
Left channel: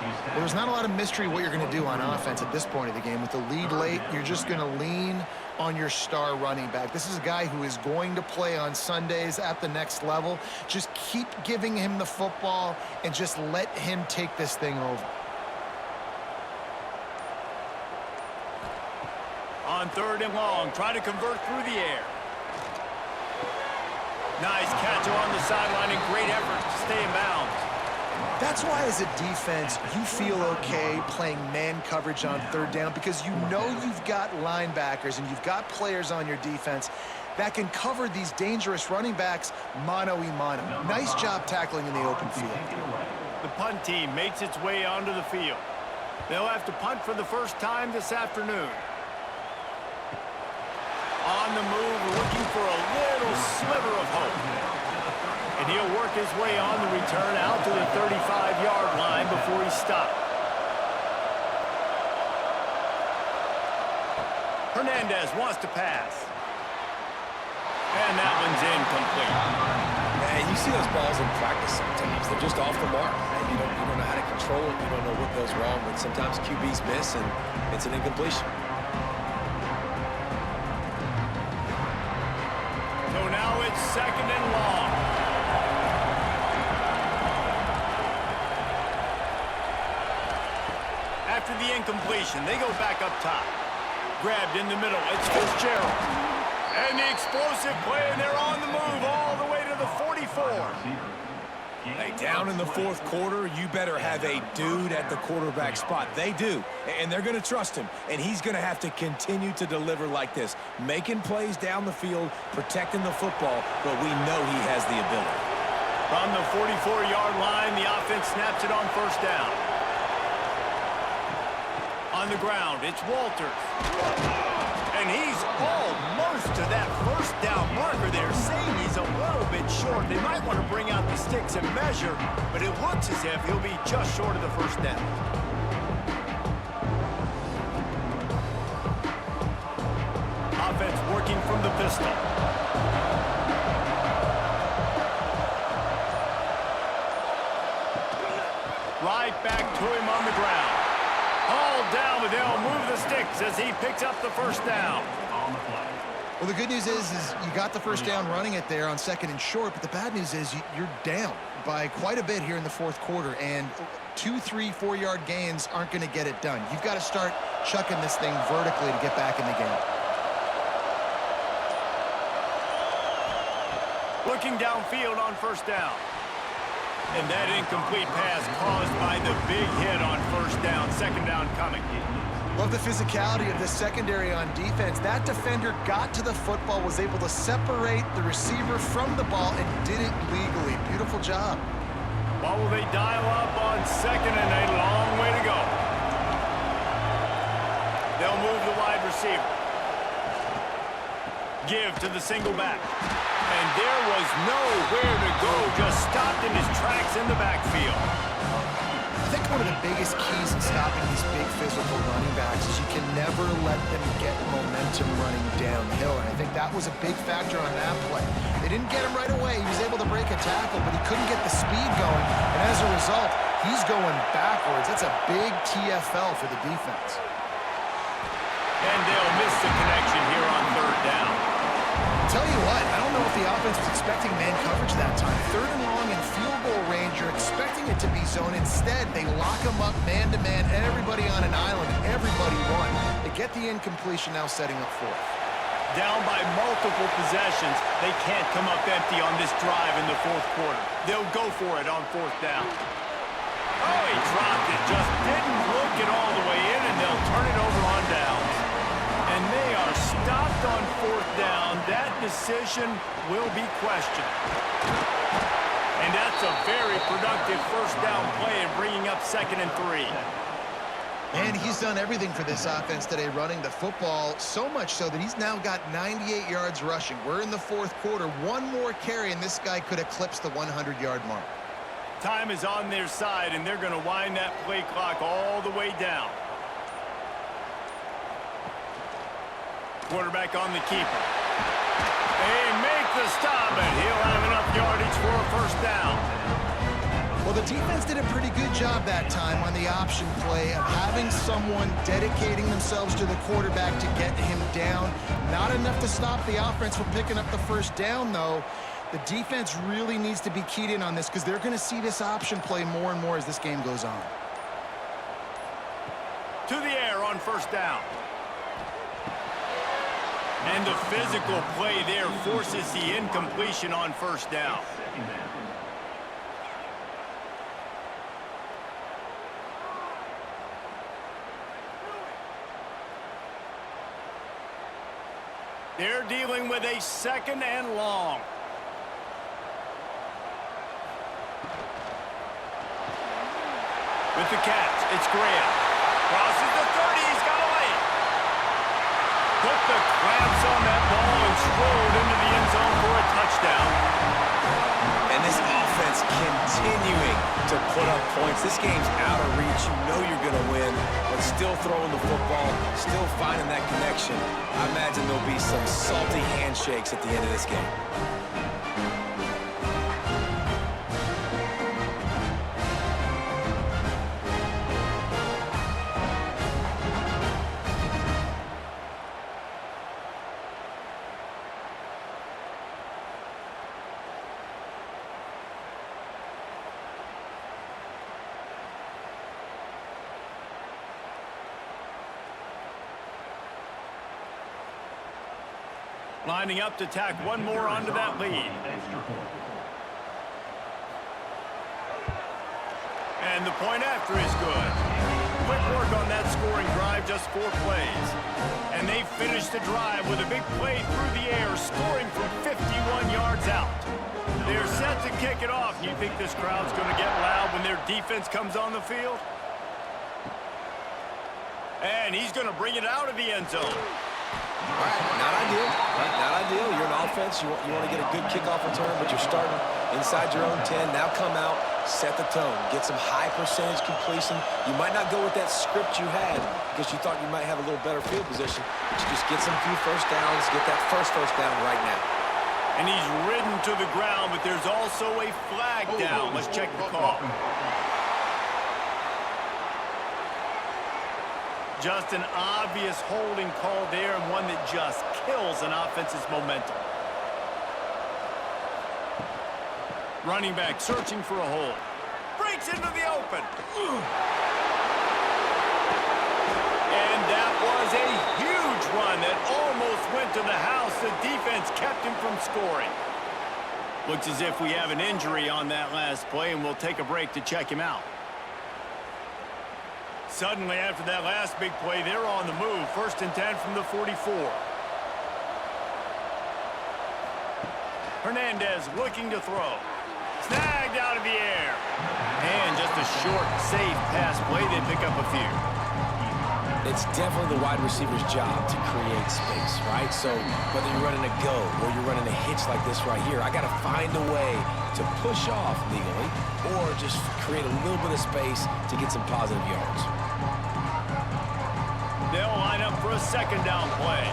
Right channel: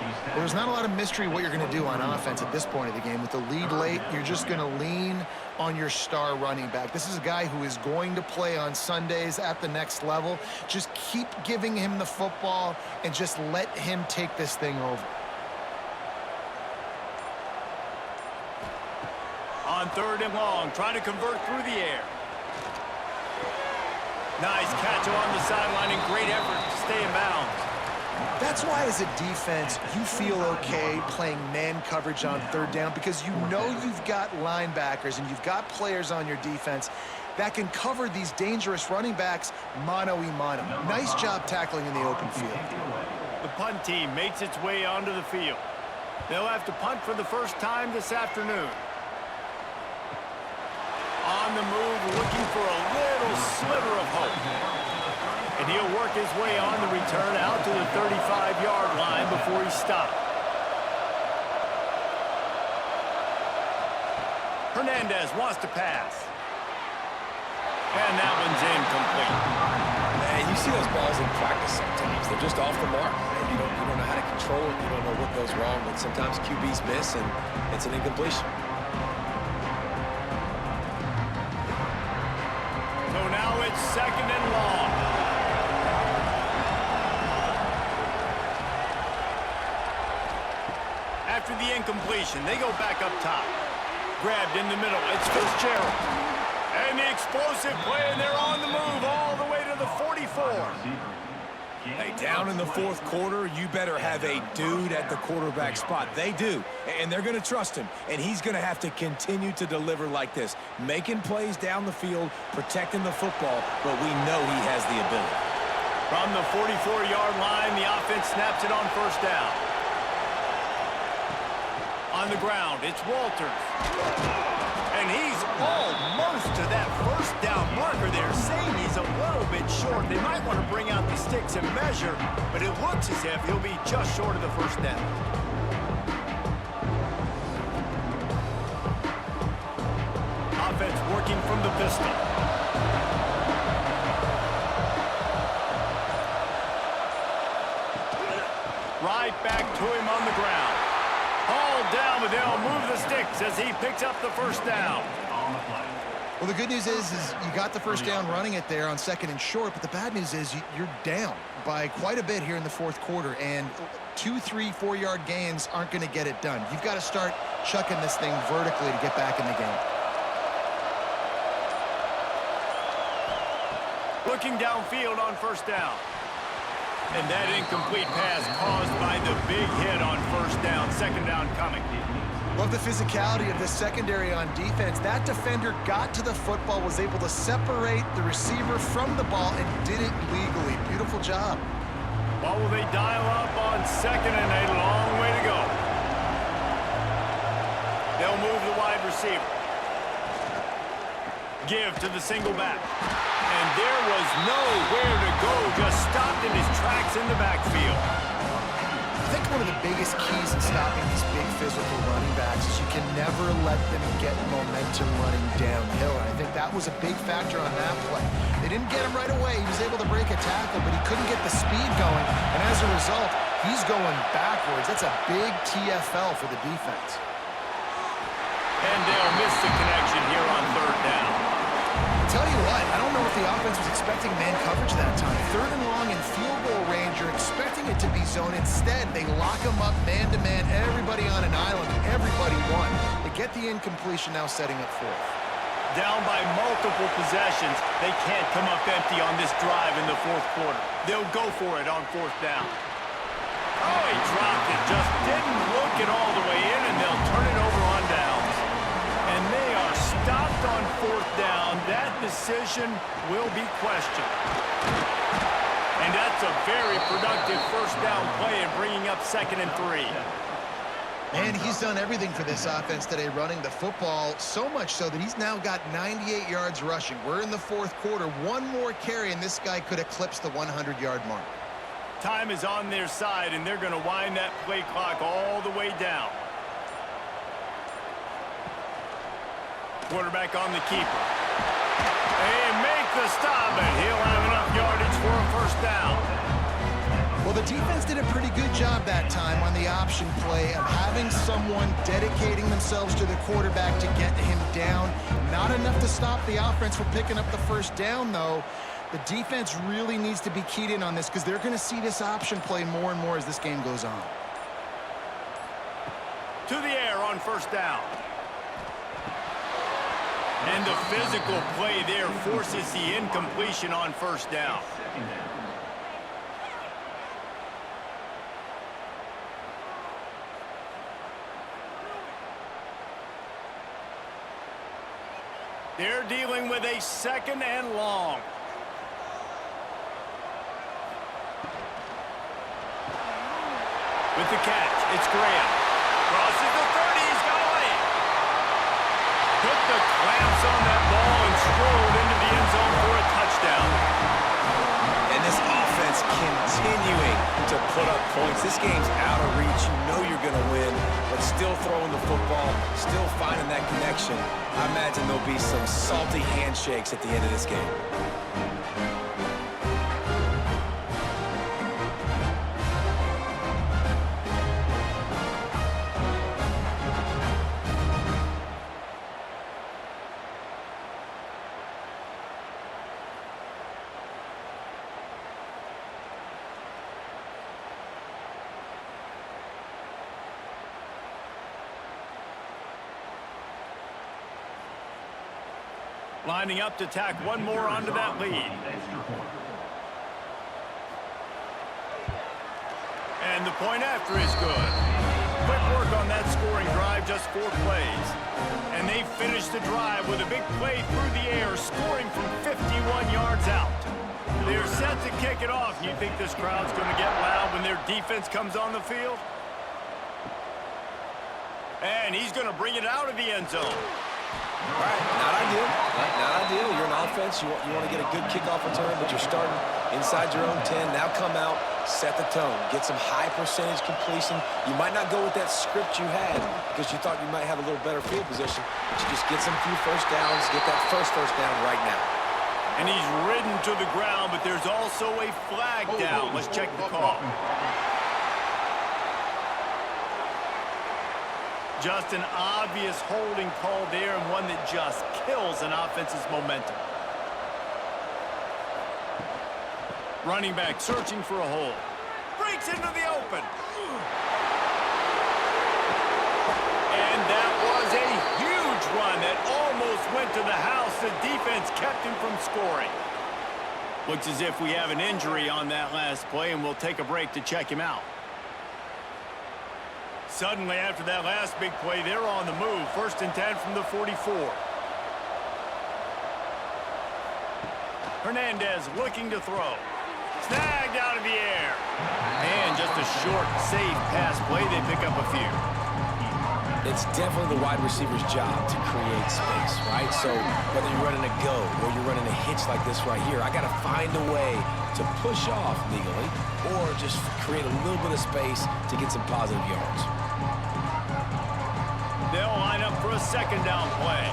Well, there's not a lot of mystery what you're going to do on offense at this point of the game. With the lead late, you're just going to lean on your star running back. This is a guy who is going to play on Sundays at the next level. Just keep giving him the football and just let him take this thing over. On 3rd and long, trying to convert through the air. Nice catch along the sideline and great effort to stay in bounds. That's why, as a defense, you feel okay playing man coverage on 3rd down, because you know you've got linebackers and you've got players on your defense that can cover these dangerous running backs mano-a-mano. Nice job tackling in the open field. The punt team makes its way onto the field. They'll have to punt for the first time this afternoon. On the move, looking for a little sliver of hope. And he'll work his way on the return out to the 35-yard line before he's stopped. Hernandez wants to pass. And that one's incomplete. Man, you see those balls in practice sometimes. They're just off the mark. Man, you don't know how to control it. You don't know what goes wrong, but sometimes QBs miss, and it's an incompletion. So now it's 2nd and long. After the incompletion, they go back up top. Grabbed in the middle, it's Fitzgerald. And the explosive play, and they're on the move all the way to the 44. Hey, down in the 4th quarter, you better have a dude at the quarterback spot. They do, and they're going to trust him, and he's going to have to continue to deliver like this, making plays down the field, protecting the football, but we know he has the ability. From the 44-yard line, the offense snaps it on 1st down. On the ground, it's Walters. And he's almost to that 1st down marker there, saying he's a little bit short. They might want to bring out the sticks and measure, but it looks as if he'll be just short of the 1st down. Offense working from the pistol. Right back to him on the ground. Hauled down, but they'll move the sticks as he picks up the 1st down. Well, the good news is you got the 1st down running it there on 2nd and short, but the bad news is you're down by quite a bit here in the 4th quarter, and 2, 3, 4-yard gains aren't going to get it done. You've got to start chucking this thing vertically to get back in the game. Looking downfield on 1st down. And that incomplete pass caused by the big hit on 1st down. 2nd down coming. Love the physicality of the secondary on defense. That defender got to the football, was able to separate the receiver from the ball, and did it legally. Beautiful job. Well, will they dial up on 2nd and a long way to go? They'll move the wide receiver. Give to the single back. And there was nowhere to go, just stopped in his tracks in the backfield. I think one of the biggest keys in stopping these big physical running backs is you can never let them get momentum running downhill. And I think that was a big factor on that play. They didn't get him right away. He was able to break a tackle, but he couldn't get the speed going. And as a result, he's going backwards. That's a big TFL for the defense. And they'll miss the connection here on 3rd down. Tell you what, I don't know if the offense was expecting man coverage that time. 3rd and long in field goal range, you're expecting it to be zone. Instead, they lock him up man-to-man, everybody on an island, and everybody won. They get the incompletion, now setting up 4th. Down by multiple possessions, they can't come up empty on this drive in the 4th quarter. They'll go for it on 4th down. Oh, he dropped it, just didn't look it all the way in, and they'll turn it over on downs. And they are stopped on 4th down. That decision will be questioned. And that's a very productive 1st down play and bringing up 2nd and 3. Man, he's done everything for this offense today, running the football, so much so that he's now got 98 yards rushing. We're in the fourth quarter. One more carry, and this guy could eclipse the 100-yard mark. Time is on their side, and they're going to wind that play clock all the way down. Quarterback on the keeper. They make the stop, and he'll have enough yardage for a first down. Well, the defense did a pretty good job that time on the option play of having someone dedicating themselves to the quarterback to get him down. Not enough to stop the offense from picking up the first down, though. The defense really needs to be keyed in on this because they're going to see this option play more and more as this game goes on. To the air on first down. And the physical play there forces the incompletion on first down. They're dealing with a second and long. With the catch, it's Graham. Crosses the 30, he's got a lane. Put the clamps on that ball and strolled into the end zone for a touchdown. And this offense continuing to put up points. This game's out of reach. You know you're going to win, but still throwing the football, still finding that connection. I imagine there'll be some salty handshakes at the end of this game. Lining up to tack one more onto that lead. And the point after is good. Quick work on that scoring drive, just 4 plays. And they finish the drive with a big play through the air, scoring from 51 yards out. They're set to kick it off. You think this crowd's going to get loud when their defense comes on the field? And he's going to bring it out of the end zone. All right, not ideal, right? Not ideal. You're an offense. You want to get a good kickoff return, but you're starting inside your own 10. Now come out, set the tone, get some high percentage completion. You might not go with that script you had because you thought you might have a little better field position, but you just get some few first downs, get that first down right now. And he's ridden to the ground, but there's also a flag down. Let's check the call. Just an obvious holding call there, and one that just kills an offense's momentum. Running back searching for a hole. Breaks into the open. And that was a huge run that almost went to the house. The defense kept him from scoring. Looks as if we have an injury on that last play, and we'll take a break to check him out. Suddenly, after that last big play, they're on the move. 1st and 10 from the 44. Hernandez looking to throw. Snagged out of the air. And just a short, safe pass play. They pick up a few. It's definitely the wide receiver's job to create space, right? So whether you're running a go or you're running a hitch like this right here, I got to find a way to push off legally or just create a little bit of space to get some positive yards. They'll line up for a 2nd down play.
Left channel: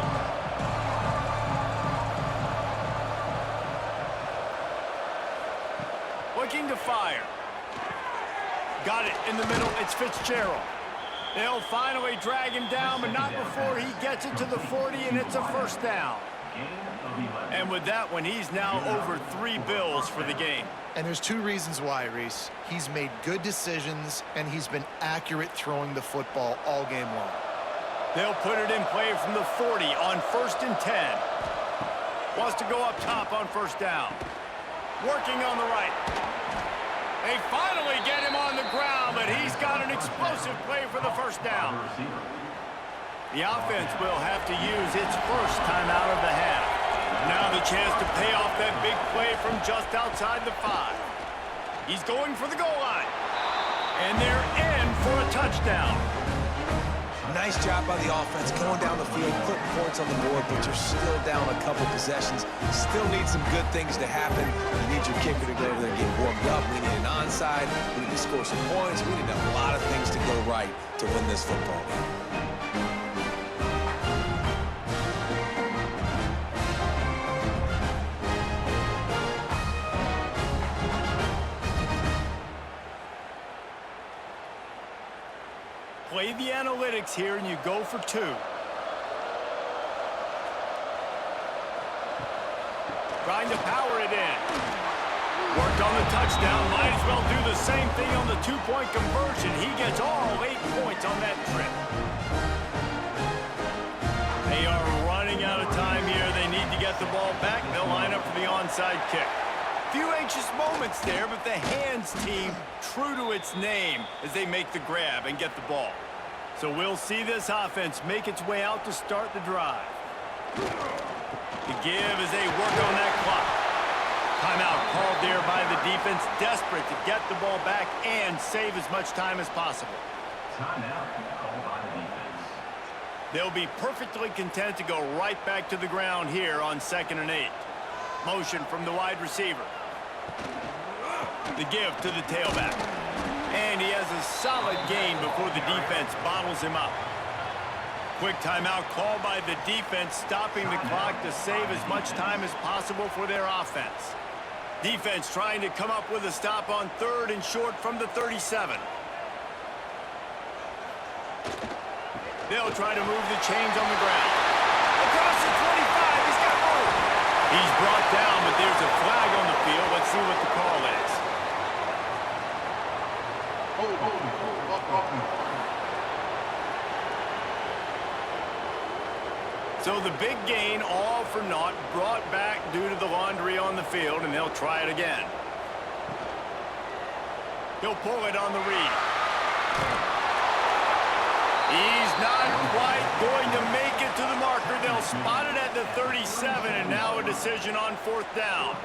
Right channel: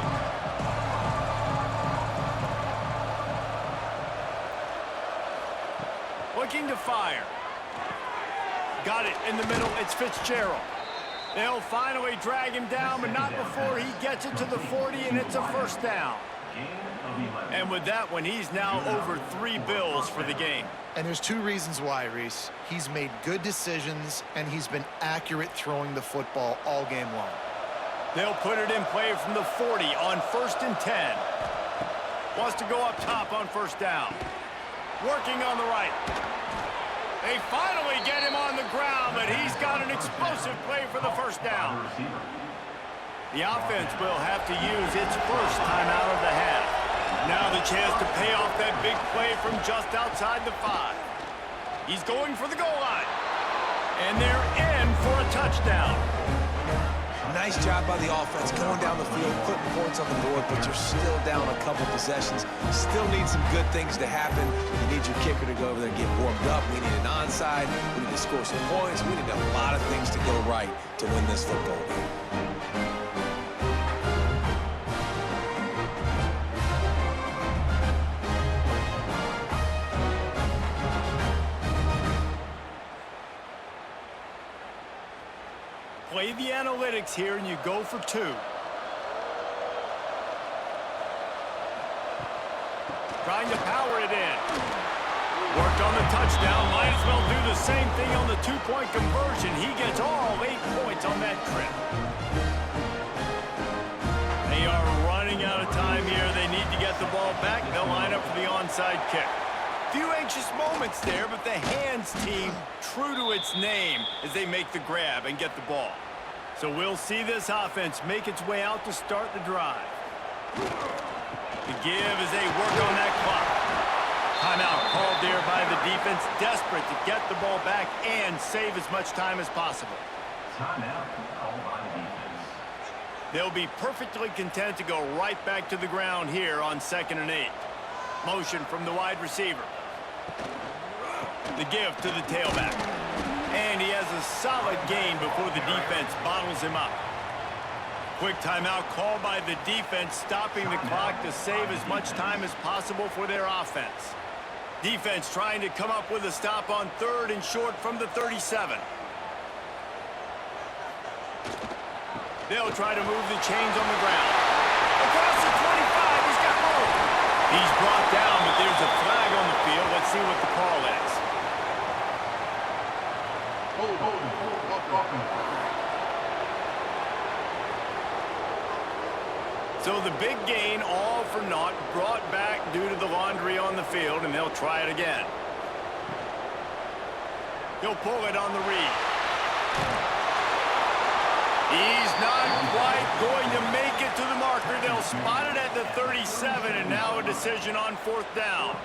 Looking to fire. Got it in the middle. It's Fitzgerald. They'll finally drag him down, but not before he gets it to the 40, and it's a 1st down. And with that one, he's now over 3 bills for the game. And there's 2 reasons why, Reese. He's made good decisions, and he's been accurate throwing the football all game long. They'll put it in play from the 40 on 1st and 10. Wants to go up top on 1st down. Working on the right. They finally get him on the ground, but he's got an explosive play for the 1st down. The offense will have to use its first timeout of the half. Now the chance to pay off that big play from just outside the 5. He's going for the goal line. And they're in for a touchdown. Nice job by the offense going down the field, putting points on the board, but you're still down a couple possessions. Still need some good things to happen. You need your kicker to go over there and get warmed up. We need an onside. We need to score some points. We need a lot of things to go right to win this football game. Play the analytics here, and you go for 2. Trying to power it in. Worked on the touchdown. Might as well do the same thing on the 2-point conversion. He gets all 8 points on that trip. They are running out of time here. They need to get the ball back. They'll line up for the onside kick. Few anxious moments there, but the hands team true to its name as they make the grab and get the ball. So we'll see this offense make its way out to start the drive. The give as they work on that clock. Timeout called there by the defense, desperate to get the ball back and save as much time as possible. Timeout called by the defense. They'll be perfectly content to go right back to the ground here on 2nd and 8. Motion from the wide receiver. The give to the tailback. And he has a solid gain before the defense bottles him up. Quick timeout called by the defense, stopping the clock to save as much time as possible for their offense. Defense trying to come up with a stop on 3rd and short from the 37. They'll try to move the chains on the ground. Across the 25, he's got room. He's brought down, but there's a flag on the field. Let's see what the call is. So the big gain, all for naught, brought back due to the laundry on the field, and they'll try it again. He'll pull it on the read. He's not quite going to make it to the marker. They'll spot it at the 37, and now a decision on 4th down.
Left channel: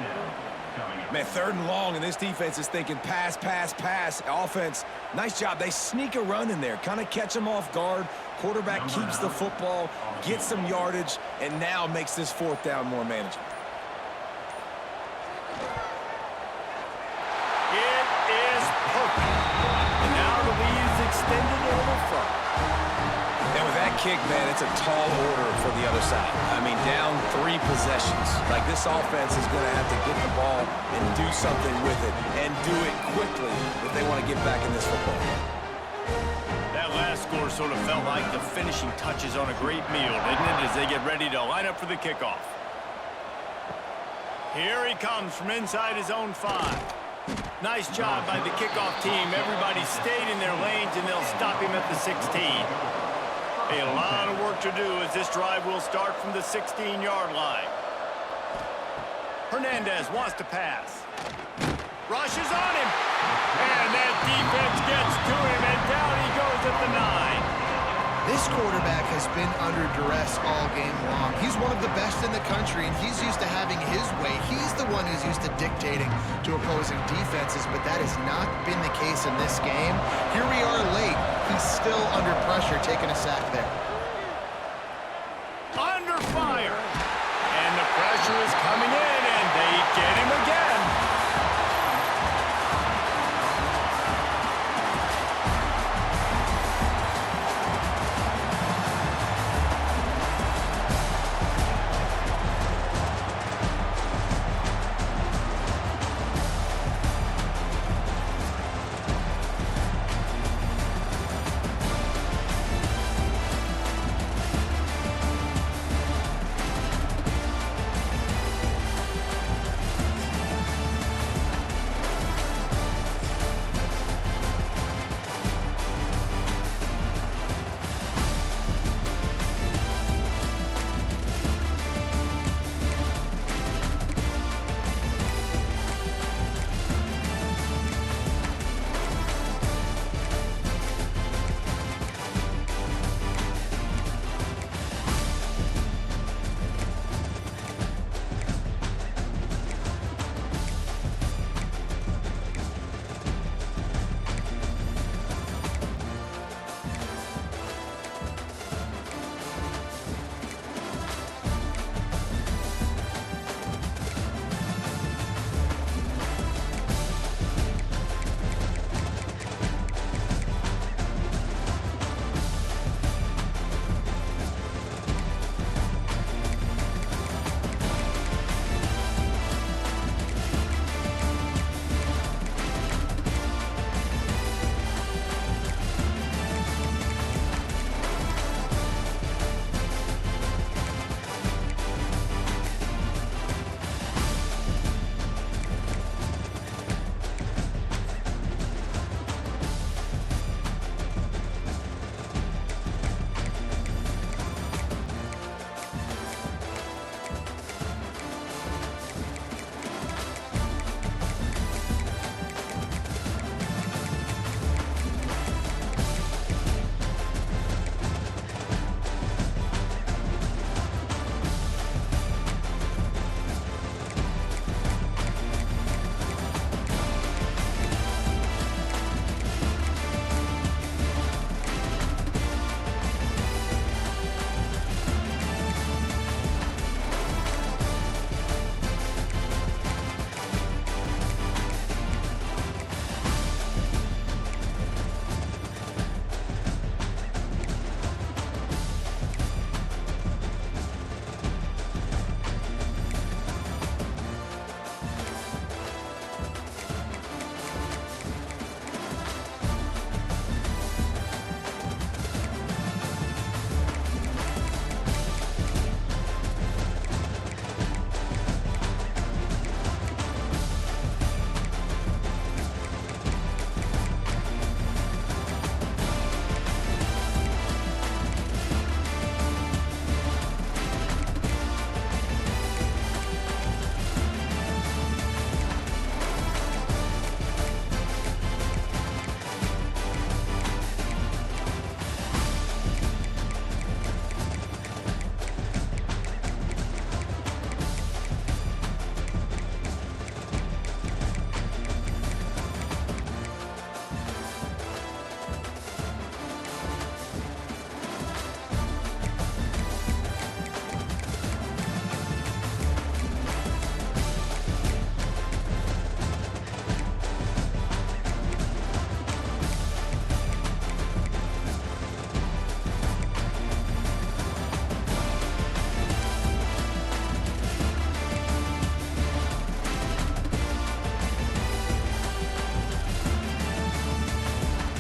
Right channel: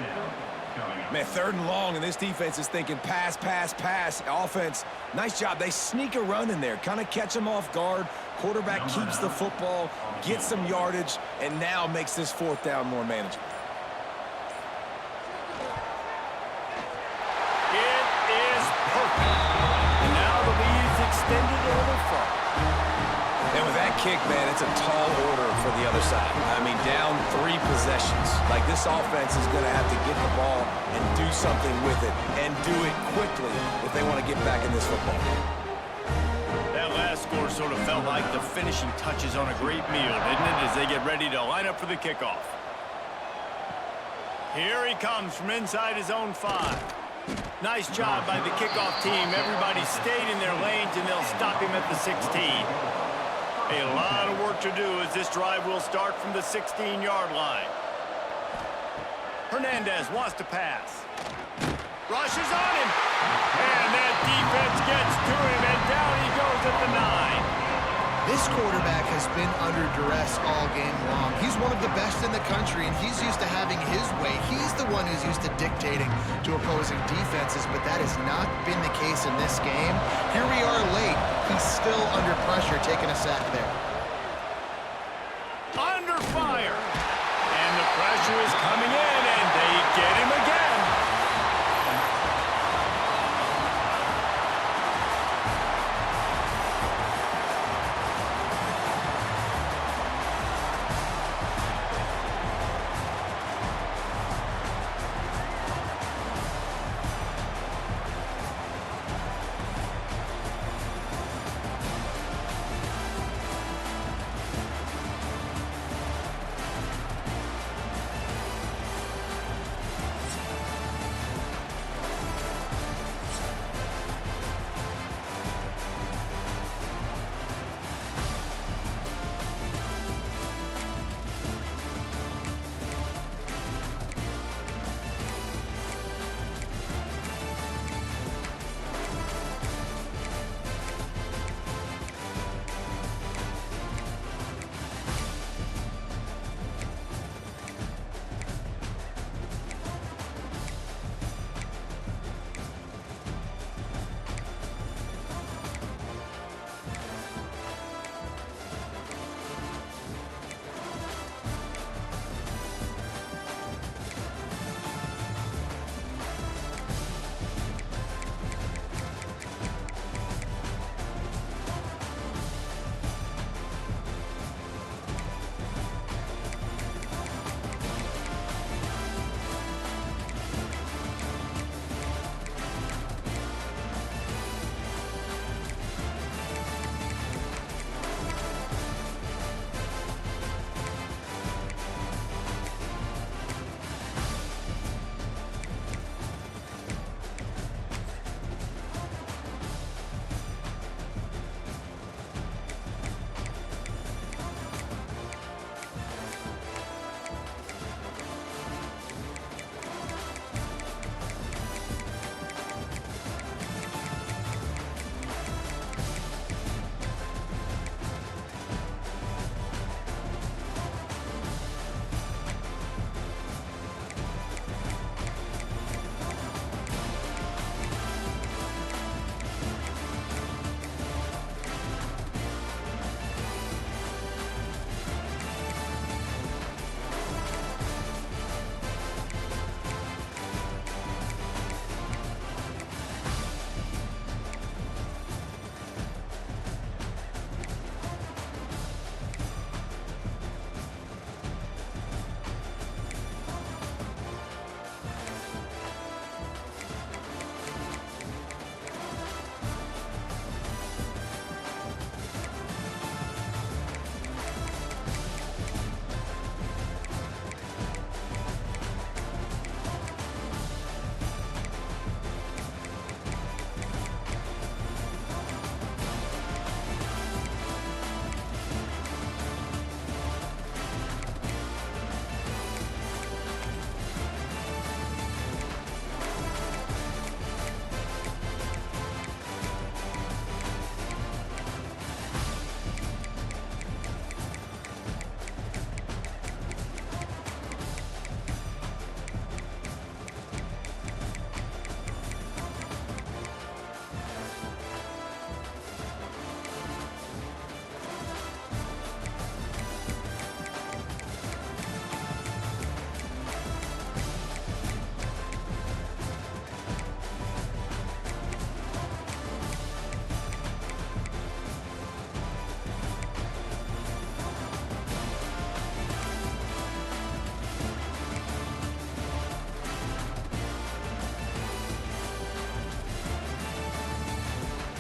Man, 3rd and long, and this defense is thinking pass, pass, pass. Offense, nice job. They sneak a run in there, kind of catch them off guard. Quarterback keeps the football, gets some yardage, and now makes this 4th down more manageable. It is perfect. And now the lead is extended a little further. And with that kick, man, it's a tall order for the other side. I mean, down 3 possessions. Like, this offense is going to have to get the ball and do something with it, and do it quickly if they want to get back in this football game. That last score sort of felt like the finishing touches on a great meal, didn't it, as they get ready to line up for the kickoff. Here he comes from inside his own 5. Nice job by the kickoff team. Everybody stayed in their lanes, and they'll stop him at the 16. A lot of work to do as this drive will start from the 16-yard line. Hernandez wants to pass. Rushes on him. And that defense gets to him, and down he goes at the 9. This quarterback has been under duress all game long. He's one of the best in the country, and he's used to having his way. He's the one who's used to dictating to opposing defenses, but that has not been the case in this game. Here we are late. He's still under pressure, taking a sack there. Under fire. And the pressure is coming in, and they get him again.